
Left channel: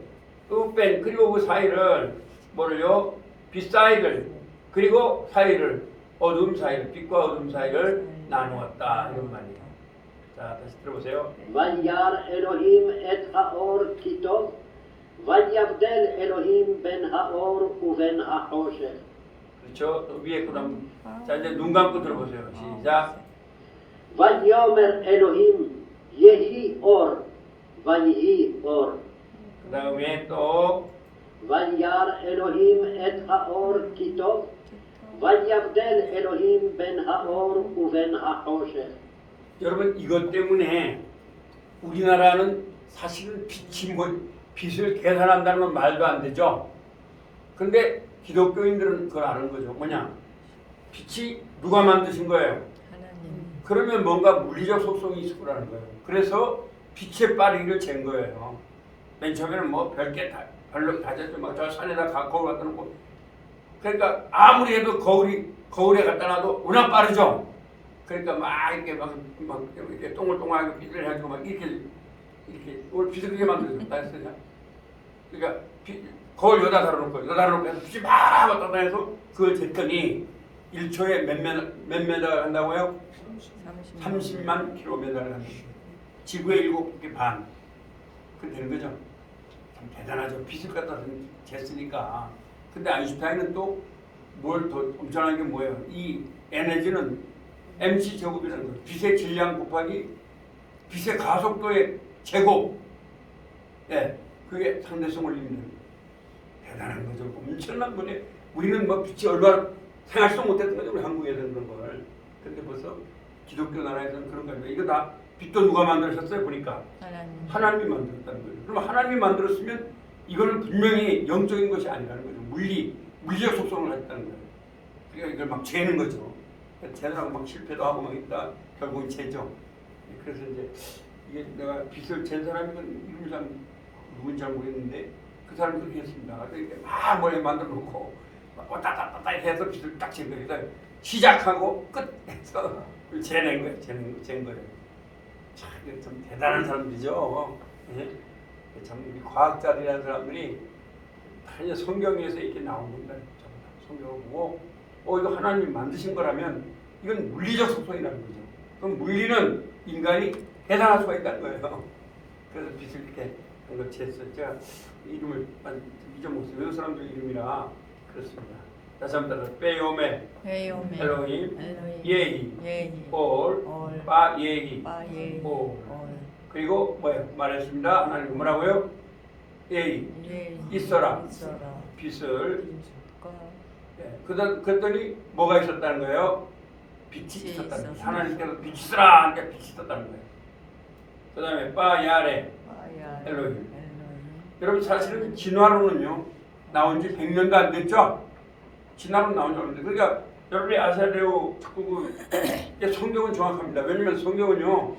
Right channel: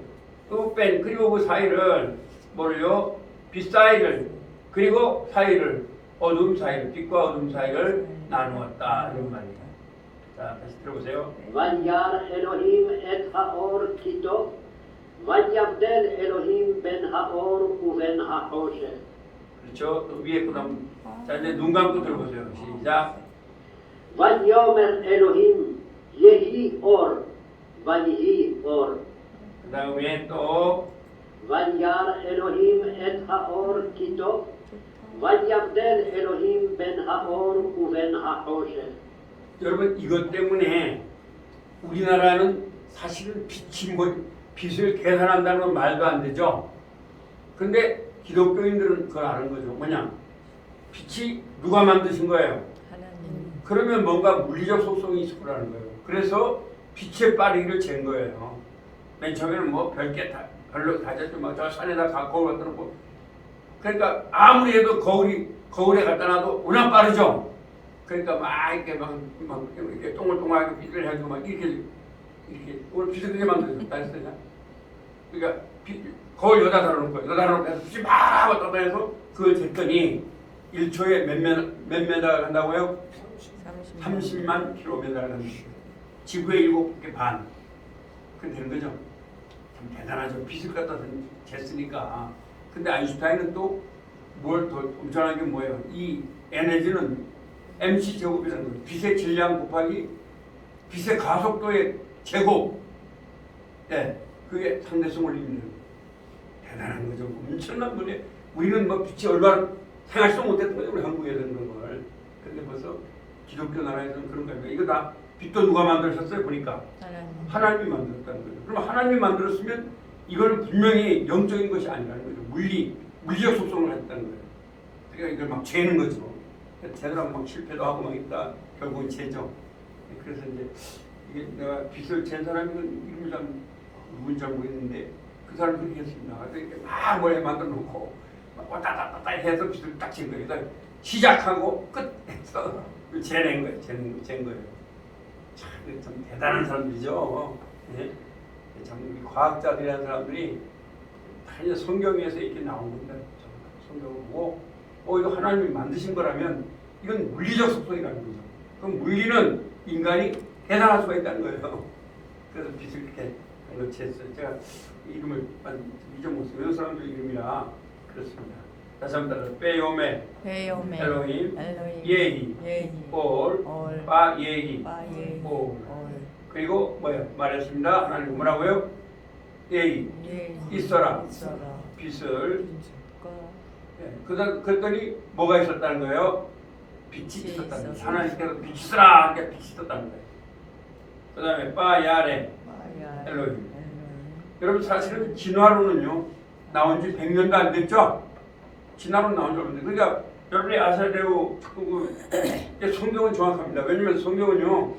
또 뺀 그리고 그 사이를 뭐를요? 빛 사이를 그리고 사이를 어둠 사이를 빛과 어둠 사이를 나누었다 이런 말이에요. 자 다시 들어보세요. וירא אלוהים את האור כי טוב ויבדל אלוהים בין האור ובין החושך. 그렇죠. 또 위에 그다음 자 이제 눈 감고 들어보세요. 시작. ויאמר אלוהים יהי אור ויהי אור. 그 다음에 또 וירא אלוהים את האור כי טוב ויבדל אלוהים בין האור ובין החושך. 여러분 이것 때문에 우리나라는 사실은 빛을 계산한다는 건 말도 안 되죠. 그런데 기독교인들은 그걸 아는 거죠. 뭐냐? 빛이 누가 만드신 거예요? 하나님 그러면 뭔가 물리적 속성이 있을 거라는 거예요. 그래서 빛의 빠르기를 잰 거예요. 맨 처음에는 뭐 별게 다 별로 다졌죠. 저 산에다 거울 갖다 놓고 그러니까 아무리 해도 거울에 갖다 놔도 워낙 빠르죠. 그러니까 막 이렇게 이렇게 동글동글하게 빛을 해가지고 막 이렇게 오늘 빛을 그렇게 만들었어요. 그러니까 거울 여기다 달아놓고 빛이 막 왔다 갔다 해서 그걸 쟀더니 1초에 몇 메다 한다고요? 30만 킬로미터를 합니다. 지구의 7개 반. 그렇게 되는 거죠. 참 대단하죠. 빛을 갖다 쟀으니까. 근데 아인슈타인은 또 뭘 더 엄청난 게 뭐예요? 이 에너지는 mc 제곱이라는 거예요. 빛의 질량 곱하기 빛의 가속도의 제곱. 예, 그게 상대성 원리입니다. 대단한 거죠. 엄청난 거네. 우리는 뭐 빛이 얼마나 생각도 못했던 거예요. 우리 한국에서 그런 걸. 근데 벌써 기독교 나라에서는 그런 거예요. 이거 다 빛도 누가 만드셨어요? 보니까 하나님이 만들었다는 거예요. 그럼 하나님이 만들었으면 이거는 분명히 영적인 것이 아니라는 거죠. 물리적 속성을 가졌다는 거예요. 그러니까 이걸 막 재는 거죠. 재느라고 막 실패도 하고 막 있다. 결국은 재죠. 그래서 이제 이게 내가 빛을 잰 사람이 이름을 누군지 잘 모르겠는데 그 사람이 그렇게 했습니다. 이렇게 막 머리에 만들어 놓고 막 왔다 갔다 왔다 해서 빛을 딱 잰 거예요. 그러니까 시작하고 끝해서 재낸 거예요. 잰 거예요. 참 대단한 사람들이죠. 예? 참 우리 과학자들이라는 사람들이 다 성경에서 이렇게 나온 겁니다. 성경을 보고 이거 하나님이 만드신 거라면 이건 물리적 속성이라는 거죠. 그럼 물리는 인간이 계산할 수가 있다는 거예요. 그래서 빛을 이렇게 그런 거 쟀어요. 제가 이름을 잊어먹었어요. 외국 사람들 이름이라 그렇습니다. 다시 한번 따라 베요메 엘로힘 예히 올 바예히 올 그리고 뭐예요? 말했습니다. 하나님 뭐라고요? 예의 예. 있어라. 있어라. 빛을 과 그랬더니 뭐가 있었다는 거예요? 빛이 빛이 있었다는 거예요. 있었어. 하나님께서 빛이 있으라 하니까 빛이 있었다는 거예요. 그 다음에 빠야레 마야 엘로힘. 엘로힘. 여러분 사실은 진화론은요 나온 지 100년도 안 됐죠? 진화론 나온 지 얼마 안 됐어요. 그러니까 여러분이 아셔야 돼요. 성경은 정확합니다. 왜냐면 성경은요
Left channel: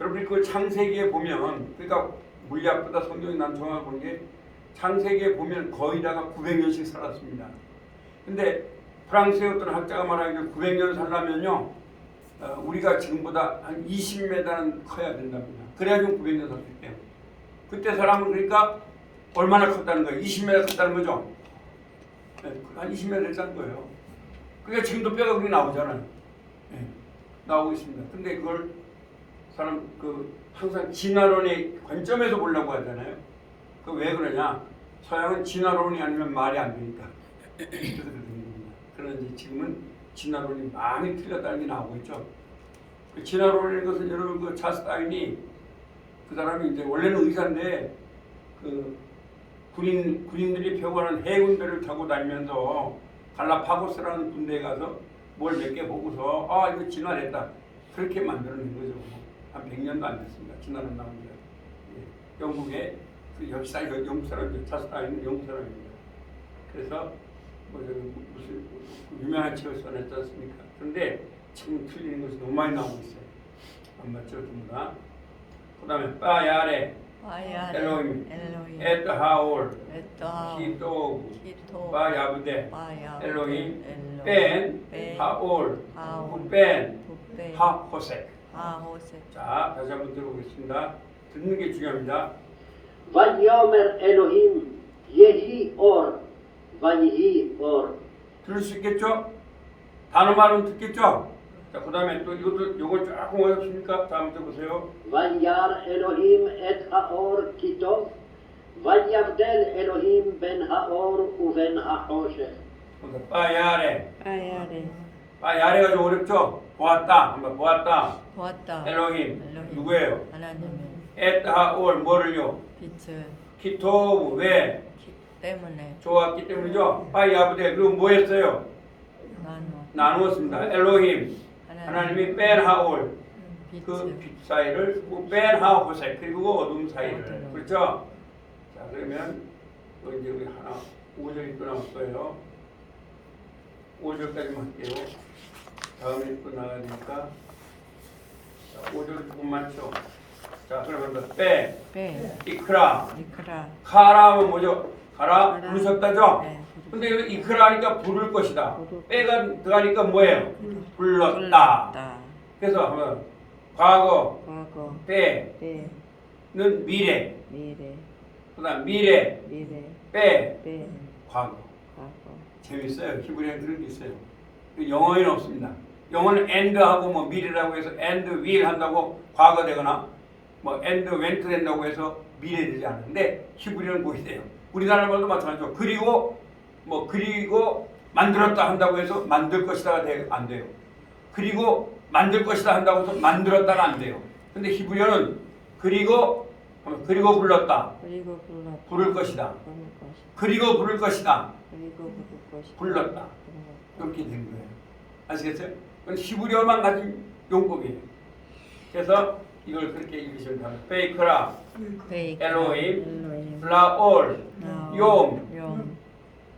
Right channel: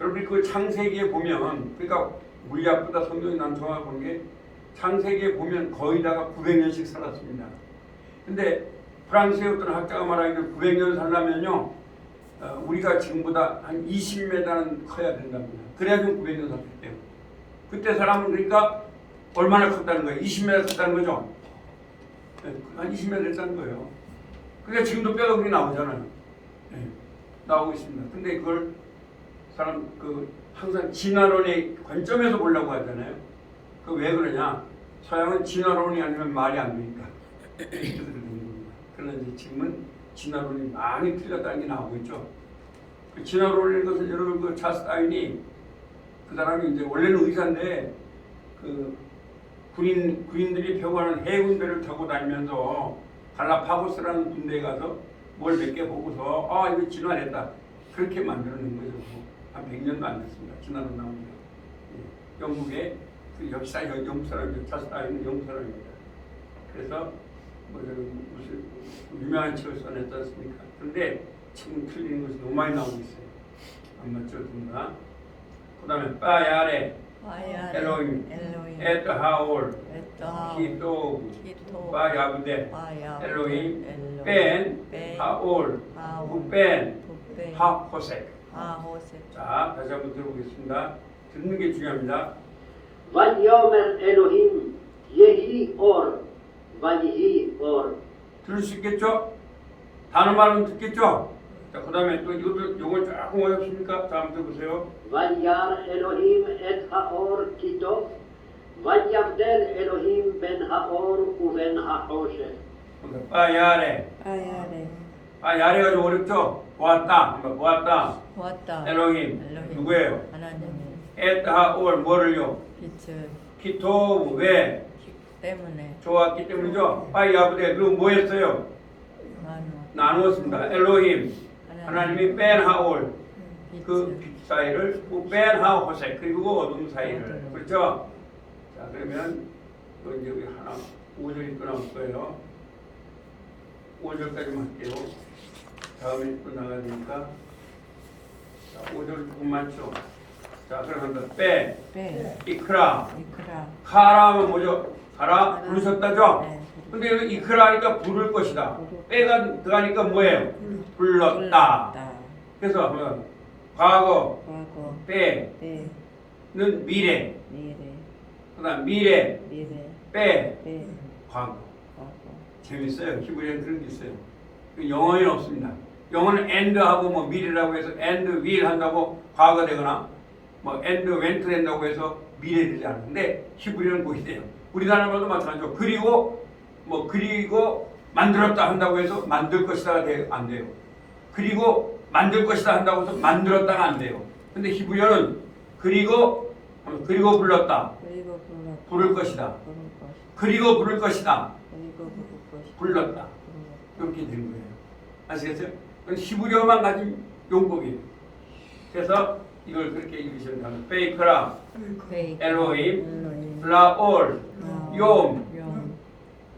여러분이 그 창세기에 보면 그러니까 물리학보다 성경이 난 정확한 게 창세기에 보면 거의 다가 900년씩 살았습니다. 근데 프랑스의 어떤 학자가 말하기를 900년 살려면요 우리가 지금보다 한 20m는 커야 된답니다. 그래야 좀 900년 살 수 있대요. 그때 사람은 그러니까 얼마나 컸다는 거예요? 20m 컸다는 거죠? 네, 한 20m 됐다는 거예요. 그러니까 지금도 뼈가 그게 나오잖아요. 네, 나오고 있습니다. 근데 그걸 사람 항상 진화론의 관점에서 보려고 하잖아요. 그 왜 그러냐? 서양은 진화론이 아니면 말이 안 되니까. 그러나 이제 지금은 진화론이 많이 틀렸다는 게 나오고 있죠. 그 진화론인 것은 여러분 그 찰스 다윈이 그 사람이 이제 원래는 의사인데 그 군인들이 표구하는 해군배를 타고 다니면서 갈라파고스라는 군대에 가서 뭘 몇 개 보고서 아 이거 진화했다 그렇게 만들어낸 거죠. 한 100년도 안 됐습니다. 진화론 나옵니다. 예. 영국의 그 역사 영국 사람이죠. 찰스 다윈은 영국 사람입니다. 그래서 무슨 유명한 책을 써냈지 않습니까? 그런데 지금 틀리는 것이 너무 많이 나오고 있어요. 안 맞죠, 전부 그 다음에 빠야레 마야 엘로힘 엘로힘. 에트하올 에트하올. 키토 키토. 빠야브데 마야 엘로힘 엘로힘. 벤 하올 하올. 벤 부벤. 하호색. 하호색. 자, 다시 한번 들어보겠습니다. 듣는 게 중요합니다. ויאמר אלוהים יהי אור ויהי אור. 들을 수 있겠죠? 단어 말은 듣겠죠? 자, 그 다음에 또 이것도 요걸 조금 어렵습니까? 자, 한번 들어보세요. וירא אלוהים את האור כי טוב ויבדל אלוהים בין האור ובין החושך. 빠야레. 마야레. 빠야레가 좀 어렵죠? 보았다. 한번 보았다. 보았다. 엘로힘. 엘로힘. 누구예요? 하나님의 에트하올 뭐를요? 빛을 키토브 왜? 때문에 좋았기 때문이죠. 빠야브데 그리고 뭐 했어요? 나누었습니다. 엘로힘 하나님이 벤하올 그 빛을 빛 사이를 벤하호색 그리고 어둠 사이를 어둠. 그렇죠? 자 그러면 또 이제 우리 하나 5절이 또 나올 거예요. 5절까지만 할게요. 다음에 또 나가야 되니까 자 5절 조금 많죠. 자 그러면 빼 빼 이크라 이크라. 카라면 뭐죠? 가라 부르셨다죠? 네. 근데 여기 이크라니까 부를 것이다. 부를 빼가 들어가니까 뭐예요? 불렀다. 불렀다. 그래서 한번 과거 과거. 빼는 빼 미래. 미래. 그다음 미래 미래. 빼 빼 과거. 과거. 재밌어요. 히브리어 들은 게 있어요. 영어에는 없습니다. 영어는 and하고 뭐 미래라고 해서 and will 한다고 과거 되거나 뭐 and went 된다고 해서 미래 되지 않는데 히브리어는 그것이 돼요. 우리나라 말도 마찬가지죠. 그리고 뭐 그리고 만들었다 한다고 해서 만들 것이다가 안 돼요. 그리고 만들 것이다 한다고 해서 만들었다가 안 돼요. 근데 히브리어는 그리고 불렀다. 그리고 불렀다. 부를 것이다. 부를 것이다. 그리고 부를 것이다. 그리고 부를 것이다. 불렀다. 불렀다. 그렇게 된 거예요. 아시겠어요? 그건 히브리어만 가진 용법이에요. 그래서 이걸 그렇게 읽으시면 됩니다. 베이크라, 베이크. 엘로힘, 엘로힘. 라올, 욤,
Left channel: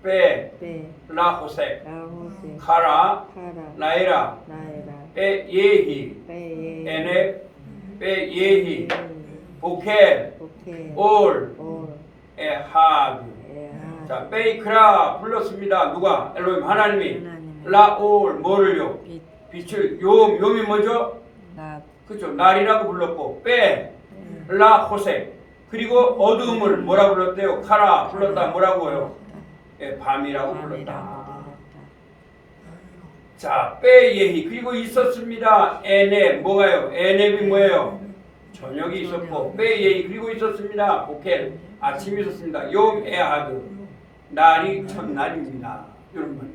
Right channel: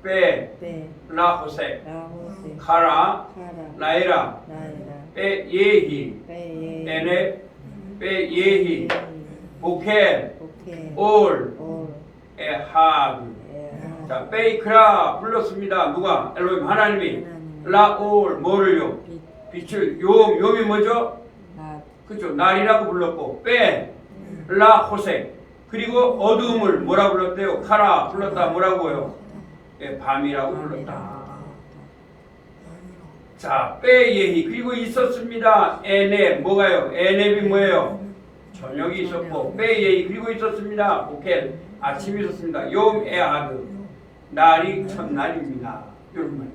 베, 베 라호색, 라호세. 카라, 카라. 라이라, 나이라. 베 예히, 베예. 에네, 베 예히, 보켈, 오케이. 올, 올. 에하드. 에하. 자, 베이크라 불렀습니다. 누가? 엘로힘 하나님이. 하나님이. 라올 뭐를요? 빛. 빛을 욤이 뭐죠? 낮. 그죠? 날이라고 불렀고 베, 라호색 그리고 어둠을 뭐라 불렀대요? 카라 불렀다 뭐라고요? 예, 밤이라고 불렀다. 자, 빼예히 그리고 있었습니다. 에넵 뭐가요? 에넵이 뭐예요? 저녁이 있었고 빼예히 그리고 있었습니다. 보켈 아침이 있었습니다. 욤 에하드 날이 첫날입니다. 이런 말.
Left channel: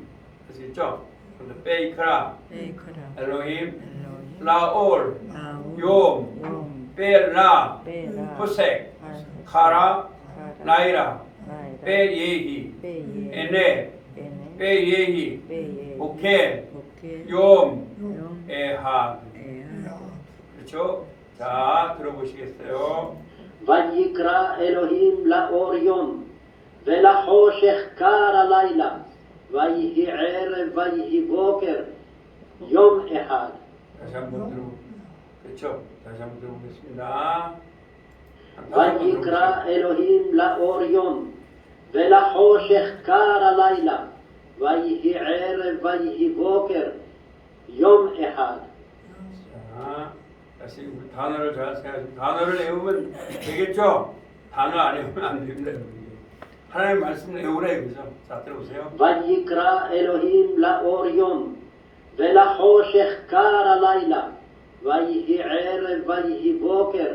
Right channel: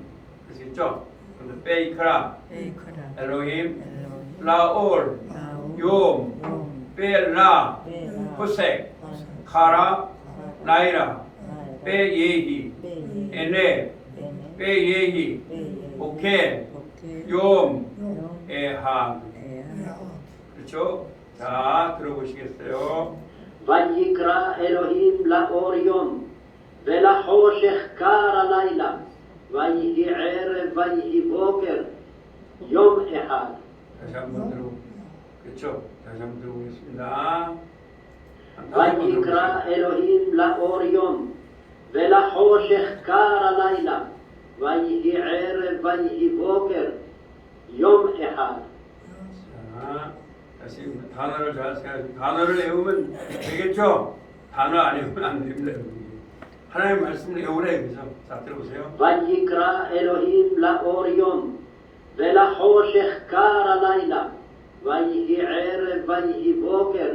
아시겠죠? 그래서 베이크라 베이크라. 엘로힘 엘로힘. 라올 나우. 욤 욤. 베라 베라 호색 아, 카라 카라 나이라 나이라 베예히 베예 에네 베네 베예히 베예 오케 오케 욤 용 에하 에야 그렇죠? 자 들어보시겠어요? ויקרא אלוהים לאור יום, ולחושך קר הלילה, ויהי ערב ויהי בוקר, יום אחד. 다시 한번 들어 그렇죠? 다시 한번 들어보겠습니다. ויקרא אלוהים לאור יום, ולחושך קר הלילה, ויהי ערב ויהי בוקר, יום אחד. 자, 다시 단어를 잘 생각하시고 단어를 외우면 되겠죠? 단어 안 외우면 안 됩니다. 여러분. 하나님 말씀을 외우라 이거죠. 자 들어보세요. ויקרא אלוהים לאור יום, ולחושך קר הלילה, ויהי ערב ויהי בוקר,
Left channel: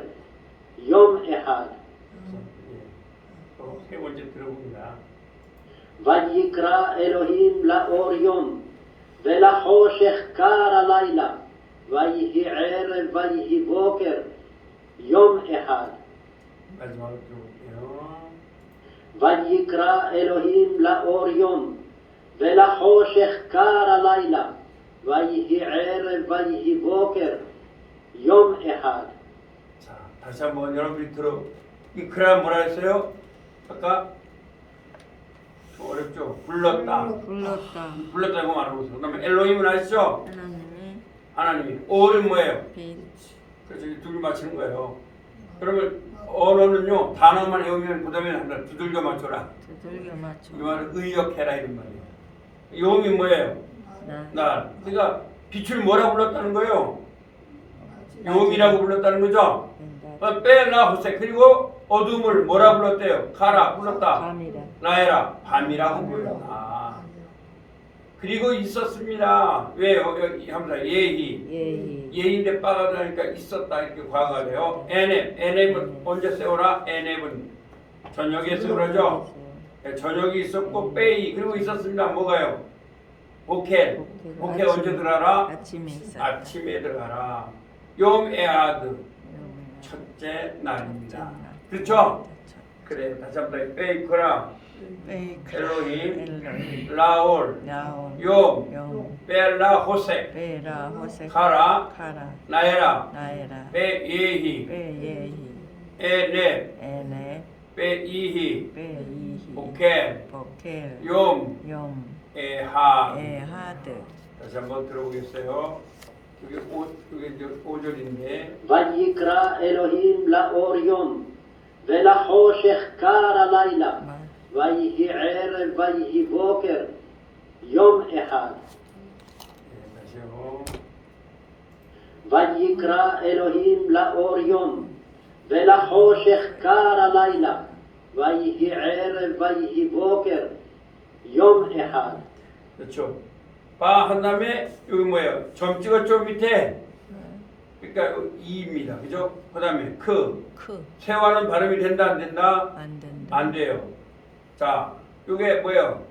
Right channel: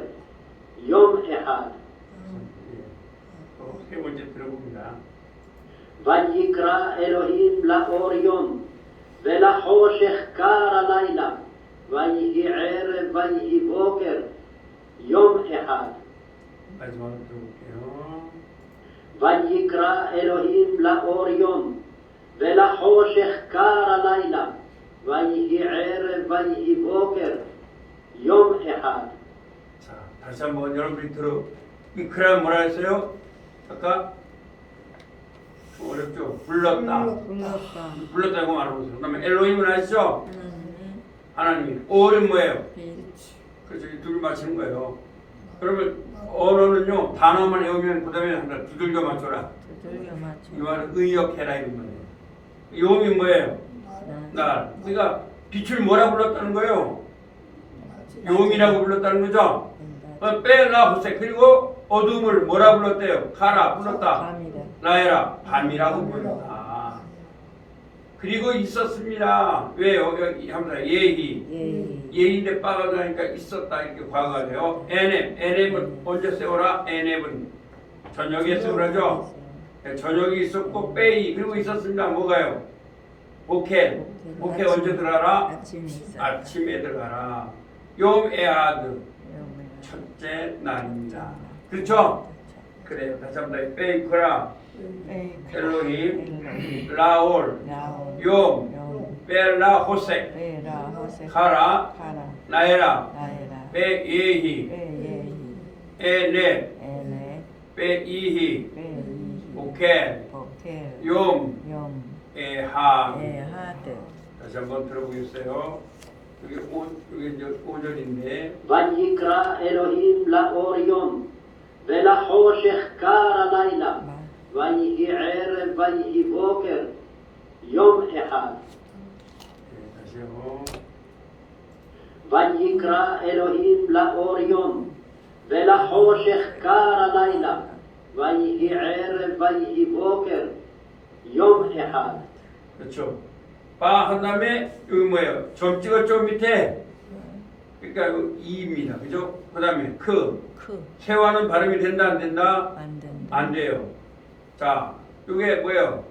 יום אחד. 세 번째 들어봅니다. ויקרא אלוהים לאור יום, ולחושך קר הלילה, ויהי ערב ויהי בוקר, יום אחד. 마지막으로 들어볼게요. ויקרא אלוהים לאור יום, ולחושך קר הלילה, ויהי ערב ויהי בוקר, יום אחד. 자, 다시 한번 여러분이 들어. 이 그라 뭐라 했어요? 아까 좀 어렵죠? 불렀다. 불렀다 불렀다고 말하고 있어요. 그다음에 엘로힘은 아시죠? 하나님의 하나님이. 올은 뭐예요? 빛 그래서 이 둘 맞추는 거예요. 그러면 언어는요 단어만 외우면 그다음에 한다. 두들겨 맞춰라. 두들겨 맞춰 이 말은 의역해라 이런 말이에요. 용이 뭐예요? 나 날. 그러니까 빛을 뭐라 불렀다는 거예요? 용이라고 불렀다는 거죠? 된다 빼라 호세 그리고 어둠을 뭐라 불렀대요? 가라 불렀다. 밤이다 라에라 밤이라고 불렀다. 그리고 있었습니다. 왜요? 여기 합니다. 예히 예희 예인데 빠가 들어가니까 있었다 이렇게 과거가 돼요. 에넴은 언제 세워라? 에넴은 저녁에 세우라죠. 저녁이 있었고 빼이 그리고 있었습니다. 뭐가요? 보켈 언제 들어가라? 아침에 있었다 아침에 들어가라. 욤 에아드 여름에 첫째 날입니다. 첫째 날. 그렇죠? 그래요. 다시 한번 빼이크라 베이크 엘로힘 엘로힘 라올 나온 욤 용 벨라 호색 베라 호세 카라 카라 나에라 나에라 베예히 베예히 에네 에네 베이히 베이히 오켈 보켈 욤 욤 에하 에하드 다시 한번 들어보겠어요. 여기 이제 5절인데 ויקרא אלוהים לאור יום, ולחושך קר הלילה, 말 ויהי ערב ויהי בוקר, יום אחד. 다시요. ויקרא אלוהים לאור יום, ולחושך קר הלילה, ויהי ערב ויהי בוקר, יום אחד. 그렇죠. 바 한 다음에 여기 뭐예요? 점 찍었죠 밑에. 그러니까 이입니다. 그죠? 그다음에 크 세화는 발음이 된다 안 된다? 안 된다 안 돼요. 자, 이게 뭐예요?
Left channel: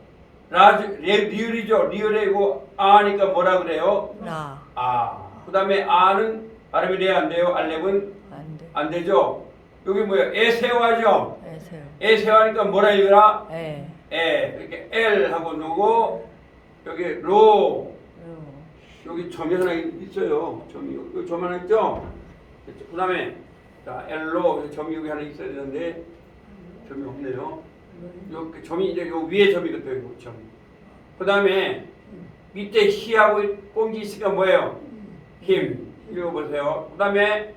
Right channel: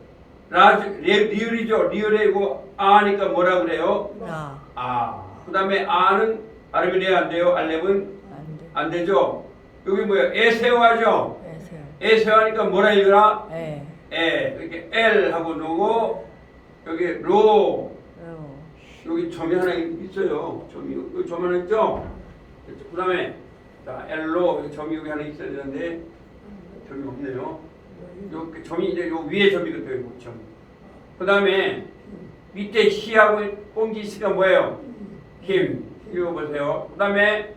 리을이죠. 리을이고 아니까 뭐라 그래요? 라 아. 그다음에 아는 발음이 돼야 안 돼요. 알렙은 안돼 안 되죠. 여기 뭐예요? 에세화죠. 에세요 에세화니까 뭐라 읽으라? 에 이렇게 L 하고 누고 여기 로 요 여기 점이 하나 있어요. 여기 점 하나 있죠. 그다음에 자 L로 점이 여기 하나 있어야 되는데 점이 없네요. 여기 점이 이제 요 위에 점이거든요. 요 점. 그다음에 밑에 희하고 꽁지 있으니까 뭐예요? 힘. 이거 보세요. 그다음에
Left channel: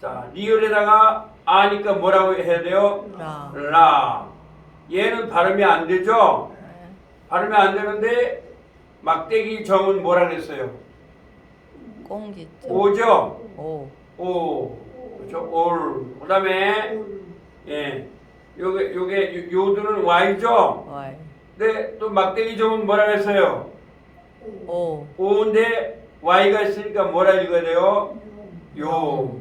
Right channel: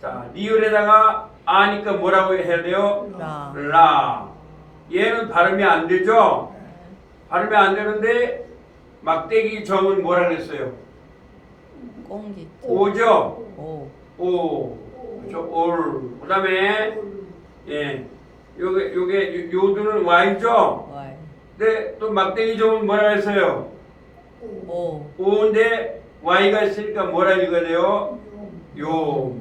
자 리을에다가 아니까 뭐라고 해야 돼요? 라 라. 얘는 발음이 안 되죠? 발음이 안 되는데 막대기 점은 뭐라 그랬어요? 꽁기 오죠? 오 오. 그렇죠? 올. 그다음에 예. 요게 요두는 Y죠? 와이 근데 또 막대기 점은 뭐라 그랬어요? 오 오인데 Y가 있으니까 뭐라 읽어야 돼요? 요.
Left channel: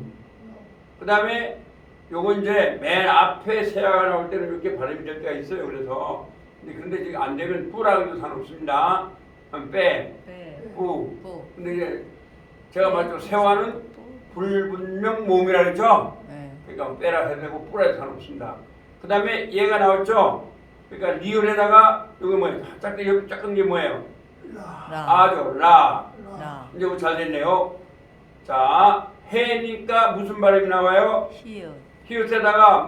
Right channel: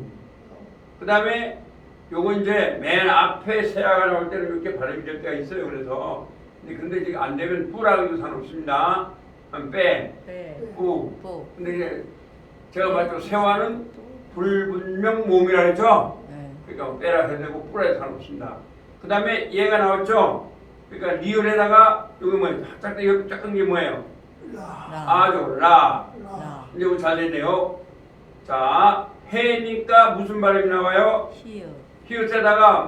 그다음에 요건 이제 맨 앞에 세아가 나올 때는 이렇게 발음이 될 때가 있어요. 그래서 근데 지금 안 되면 뿌라 그래도 상관없습니다. 빼, 빼 뿌. 뽀 근데 이제 제가 봤죠. 세화는 불분명 모음이라 그랬죠? 네. 그러니까 빼라 해도 되고 뿌라 해도 상관없습니다. 그 다음에 얘가 나왔죠? 그러니까 리을에다가 이거 뭐예요? 여기 작은 게 뭐예요? 라. 아죠. 라. 라. 이제 이거 잘 됐네요. 자, 해니까 무슨 발음이 나와요? 히읗. 히읗에다가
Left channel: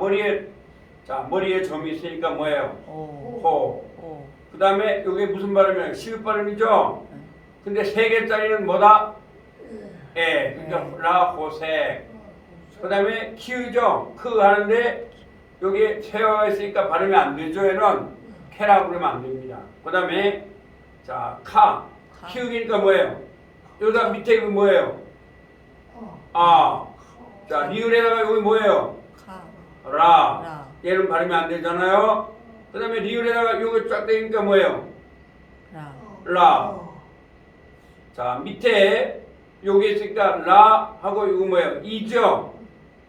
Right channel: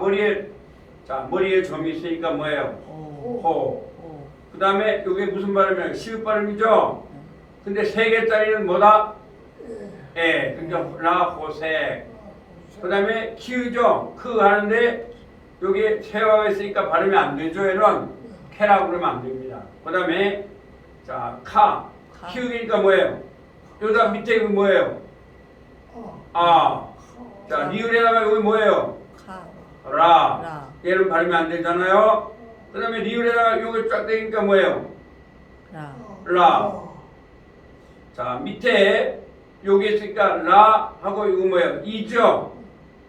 머리에 점이 있으니까 뭐예요? 오. 호. 오. 그 다음에 이게 무슨 발음이에요? 시읒 발음이죠? 네. 근데 세 개짜리는 뭐다? 예. 그러니까 라호색. 그 다음에 키우죠? 크 하는데 여기 세화가 있으니까 발음이 안 되죠? 얘는 캐라고 그러면 안 됩니다. 그 다음에 자, 카. 카. 키우기니까 뭐예요? 여기다 밑에 이거 뭐예요? 아. 자, 리을에다가 여기 뭐예요? 카. 라. 라. 얘는 발음이 안 되잖아요. 그 다음에 리을에다가 요거 쫙 되니까 뭐예요? 라. 라. 자, 밑에 여기 있으니까 라 하고 이거 뭐예요? 이죠?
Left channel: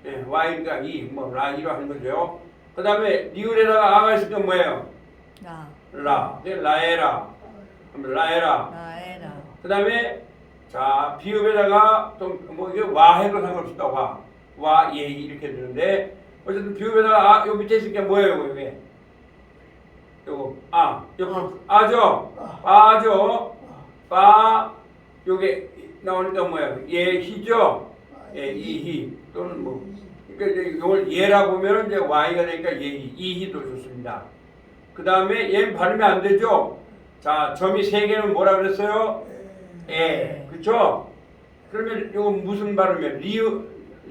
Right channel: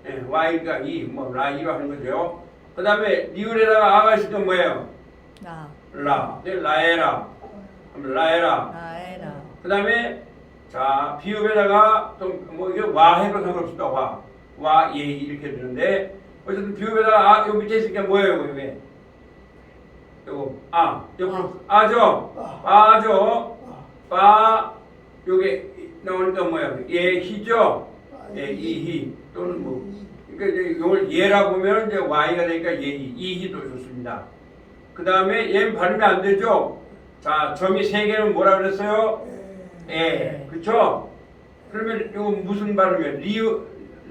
예, Y가 이, 뭐 라이로 하는 거죠. 그 다음에 리을에다가 아가 있으니까 뭐예요? 라. 라. 네, 라에라. 그럼 라에라. 라에라. 그 다음에 자, 비읍에다가 좀 뭐 이게 와 해도 상관없습니다. 와. 와, 예 이렇게 되는데 어쨌든 비읍에다가 아, 요 밑에 있으니까 뭐예요? 이게? 요거 여기 아죠? 빠죠? 빠 요게 나오니까 뭐예요? 예, 희죠? 예, 이희 또는 뭐 그러니까 이제 이걸 예라 보면 이제 Y가 되니까 예희, 이희도 좋습니다. 그 다음에 얘는 발음이 안 되죠? 자, 점이 세 개는 뭐라 그랬어요? 에, 그렇죠? 그러면 이거 무슨 발음이에요?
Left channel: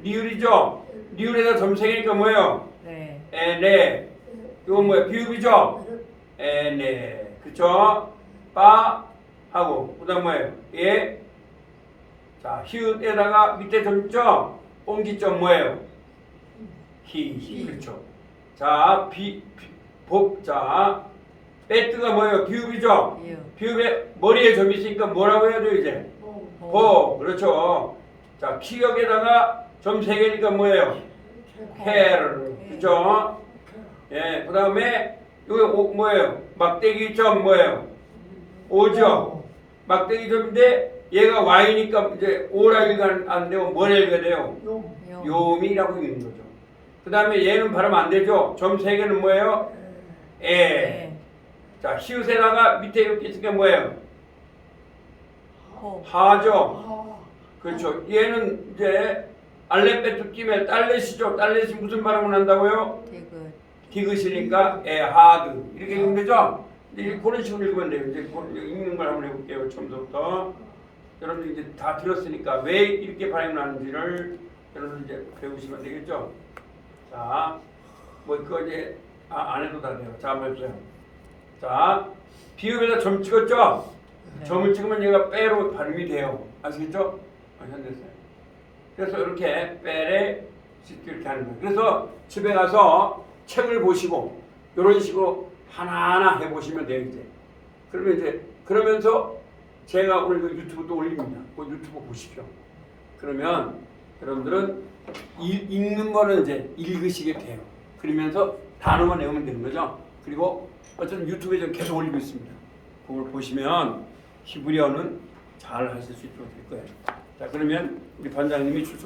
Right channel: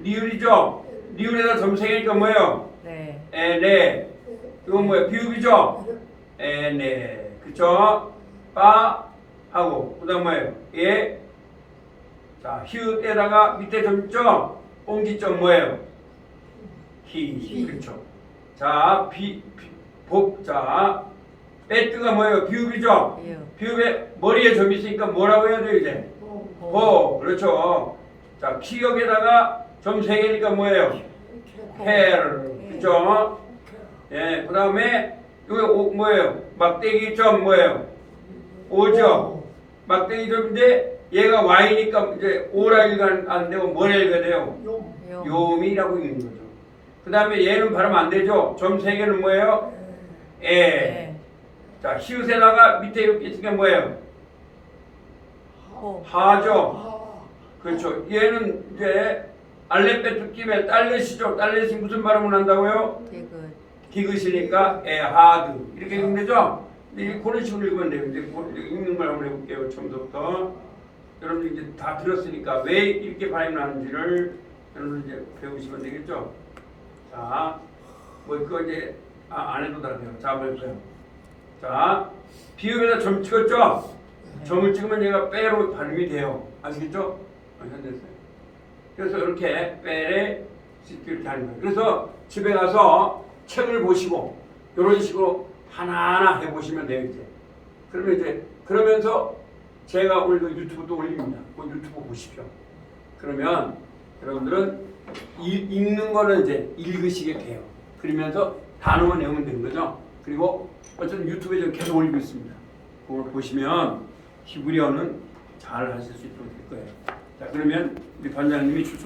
리을이죠? 리을에다 점 세 개니까 뭐예요? 네. 에, 네. 이거 뭐예요? 비읍이죠? 에, 네. 그쵸? 빠 하고 그다음 뭐예요? 예. 자, 히읗에다가 밑에 점 있죠? 옹기점 뭐예요? 히. 그렇죠. 자, 자, 에뜨가 뭐예요? 비읍이죠? 비읍. 비읍에 머리에 점이 있으니까 뭐라고 해야 돼요 이제? 호. 그렇죠. 자, 키역에다가 점 세 개니까 뭐예요? 헤르. 그렇죠? 예. 그 다음에 이거 뭐예요? 막대기 점 뭐예요? 오죠. 막대기 점인데 얘가 Y니까 이제 오라 일가 안 되고 뭐라 일가 돼요? 용. 요미라고 읽는 거죠. 그 다음에 얘는 발음 안 되죠. 점 세 개는 뭐예요? 에. 네. 자, 히읗에다가 밑에 이렇게 있으니까 뭐예요? 호. 하죠. 그렇죠. 얘는 이제 알레베트 김에 딸렛이죠. 딸렛이 무슨 발음을 한다고요? 디귿. 디귿이니까 에하드 이렇게 읽으면 되죠. 근데 그런 식으로 읽으면 돼요. 이제 읽는 걸 한번 해볼게요. 처음부터 여러분 이제 다 들었으니까 왜 이렇게 발음이 나는지를 여러분 이제 배우시면 되겠죠. 자, 뭐 그거 이제 안 해도 다 돼요. 자, 한번 해보세요. 자, 비읍에다 점 찍었죠? 네. 점을 찍으면 얘가 빼로 발음이 돼요. 아시겠죠? 완전 됐어요. 그래서 이렇게 빼래 이렇게 하는 거예요. 그래서 집에 가서 책을 보시고 이런 식으로 하나하나 해보시면 돼요. 이제 그러면 이제 그러면서 제가 오늘 그 유튜브도 올립니다. 그 유튜브 보십시오. 그러면 여러분들은 읽는 거는 이제 읽으시게 돼요. 그러면서 단어만 외우면 되는 거죠. 그리고 어쨌든 유튜브에 좀 계속 올리고 있습니다. 그걸 보시면 히브리어는 잘 하실 수 있도록 될 거예요. 자, 그러면 우리 반장님이 출석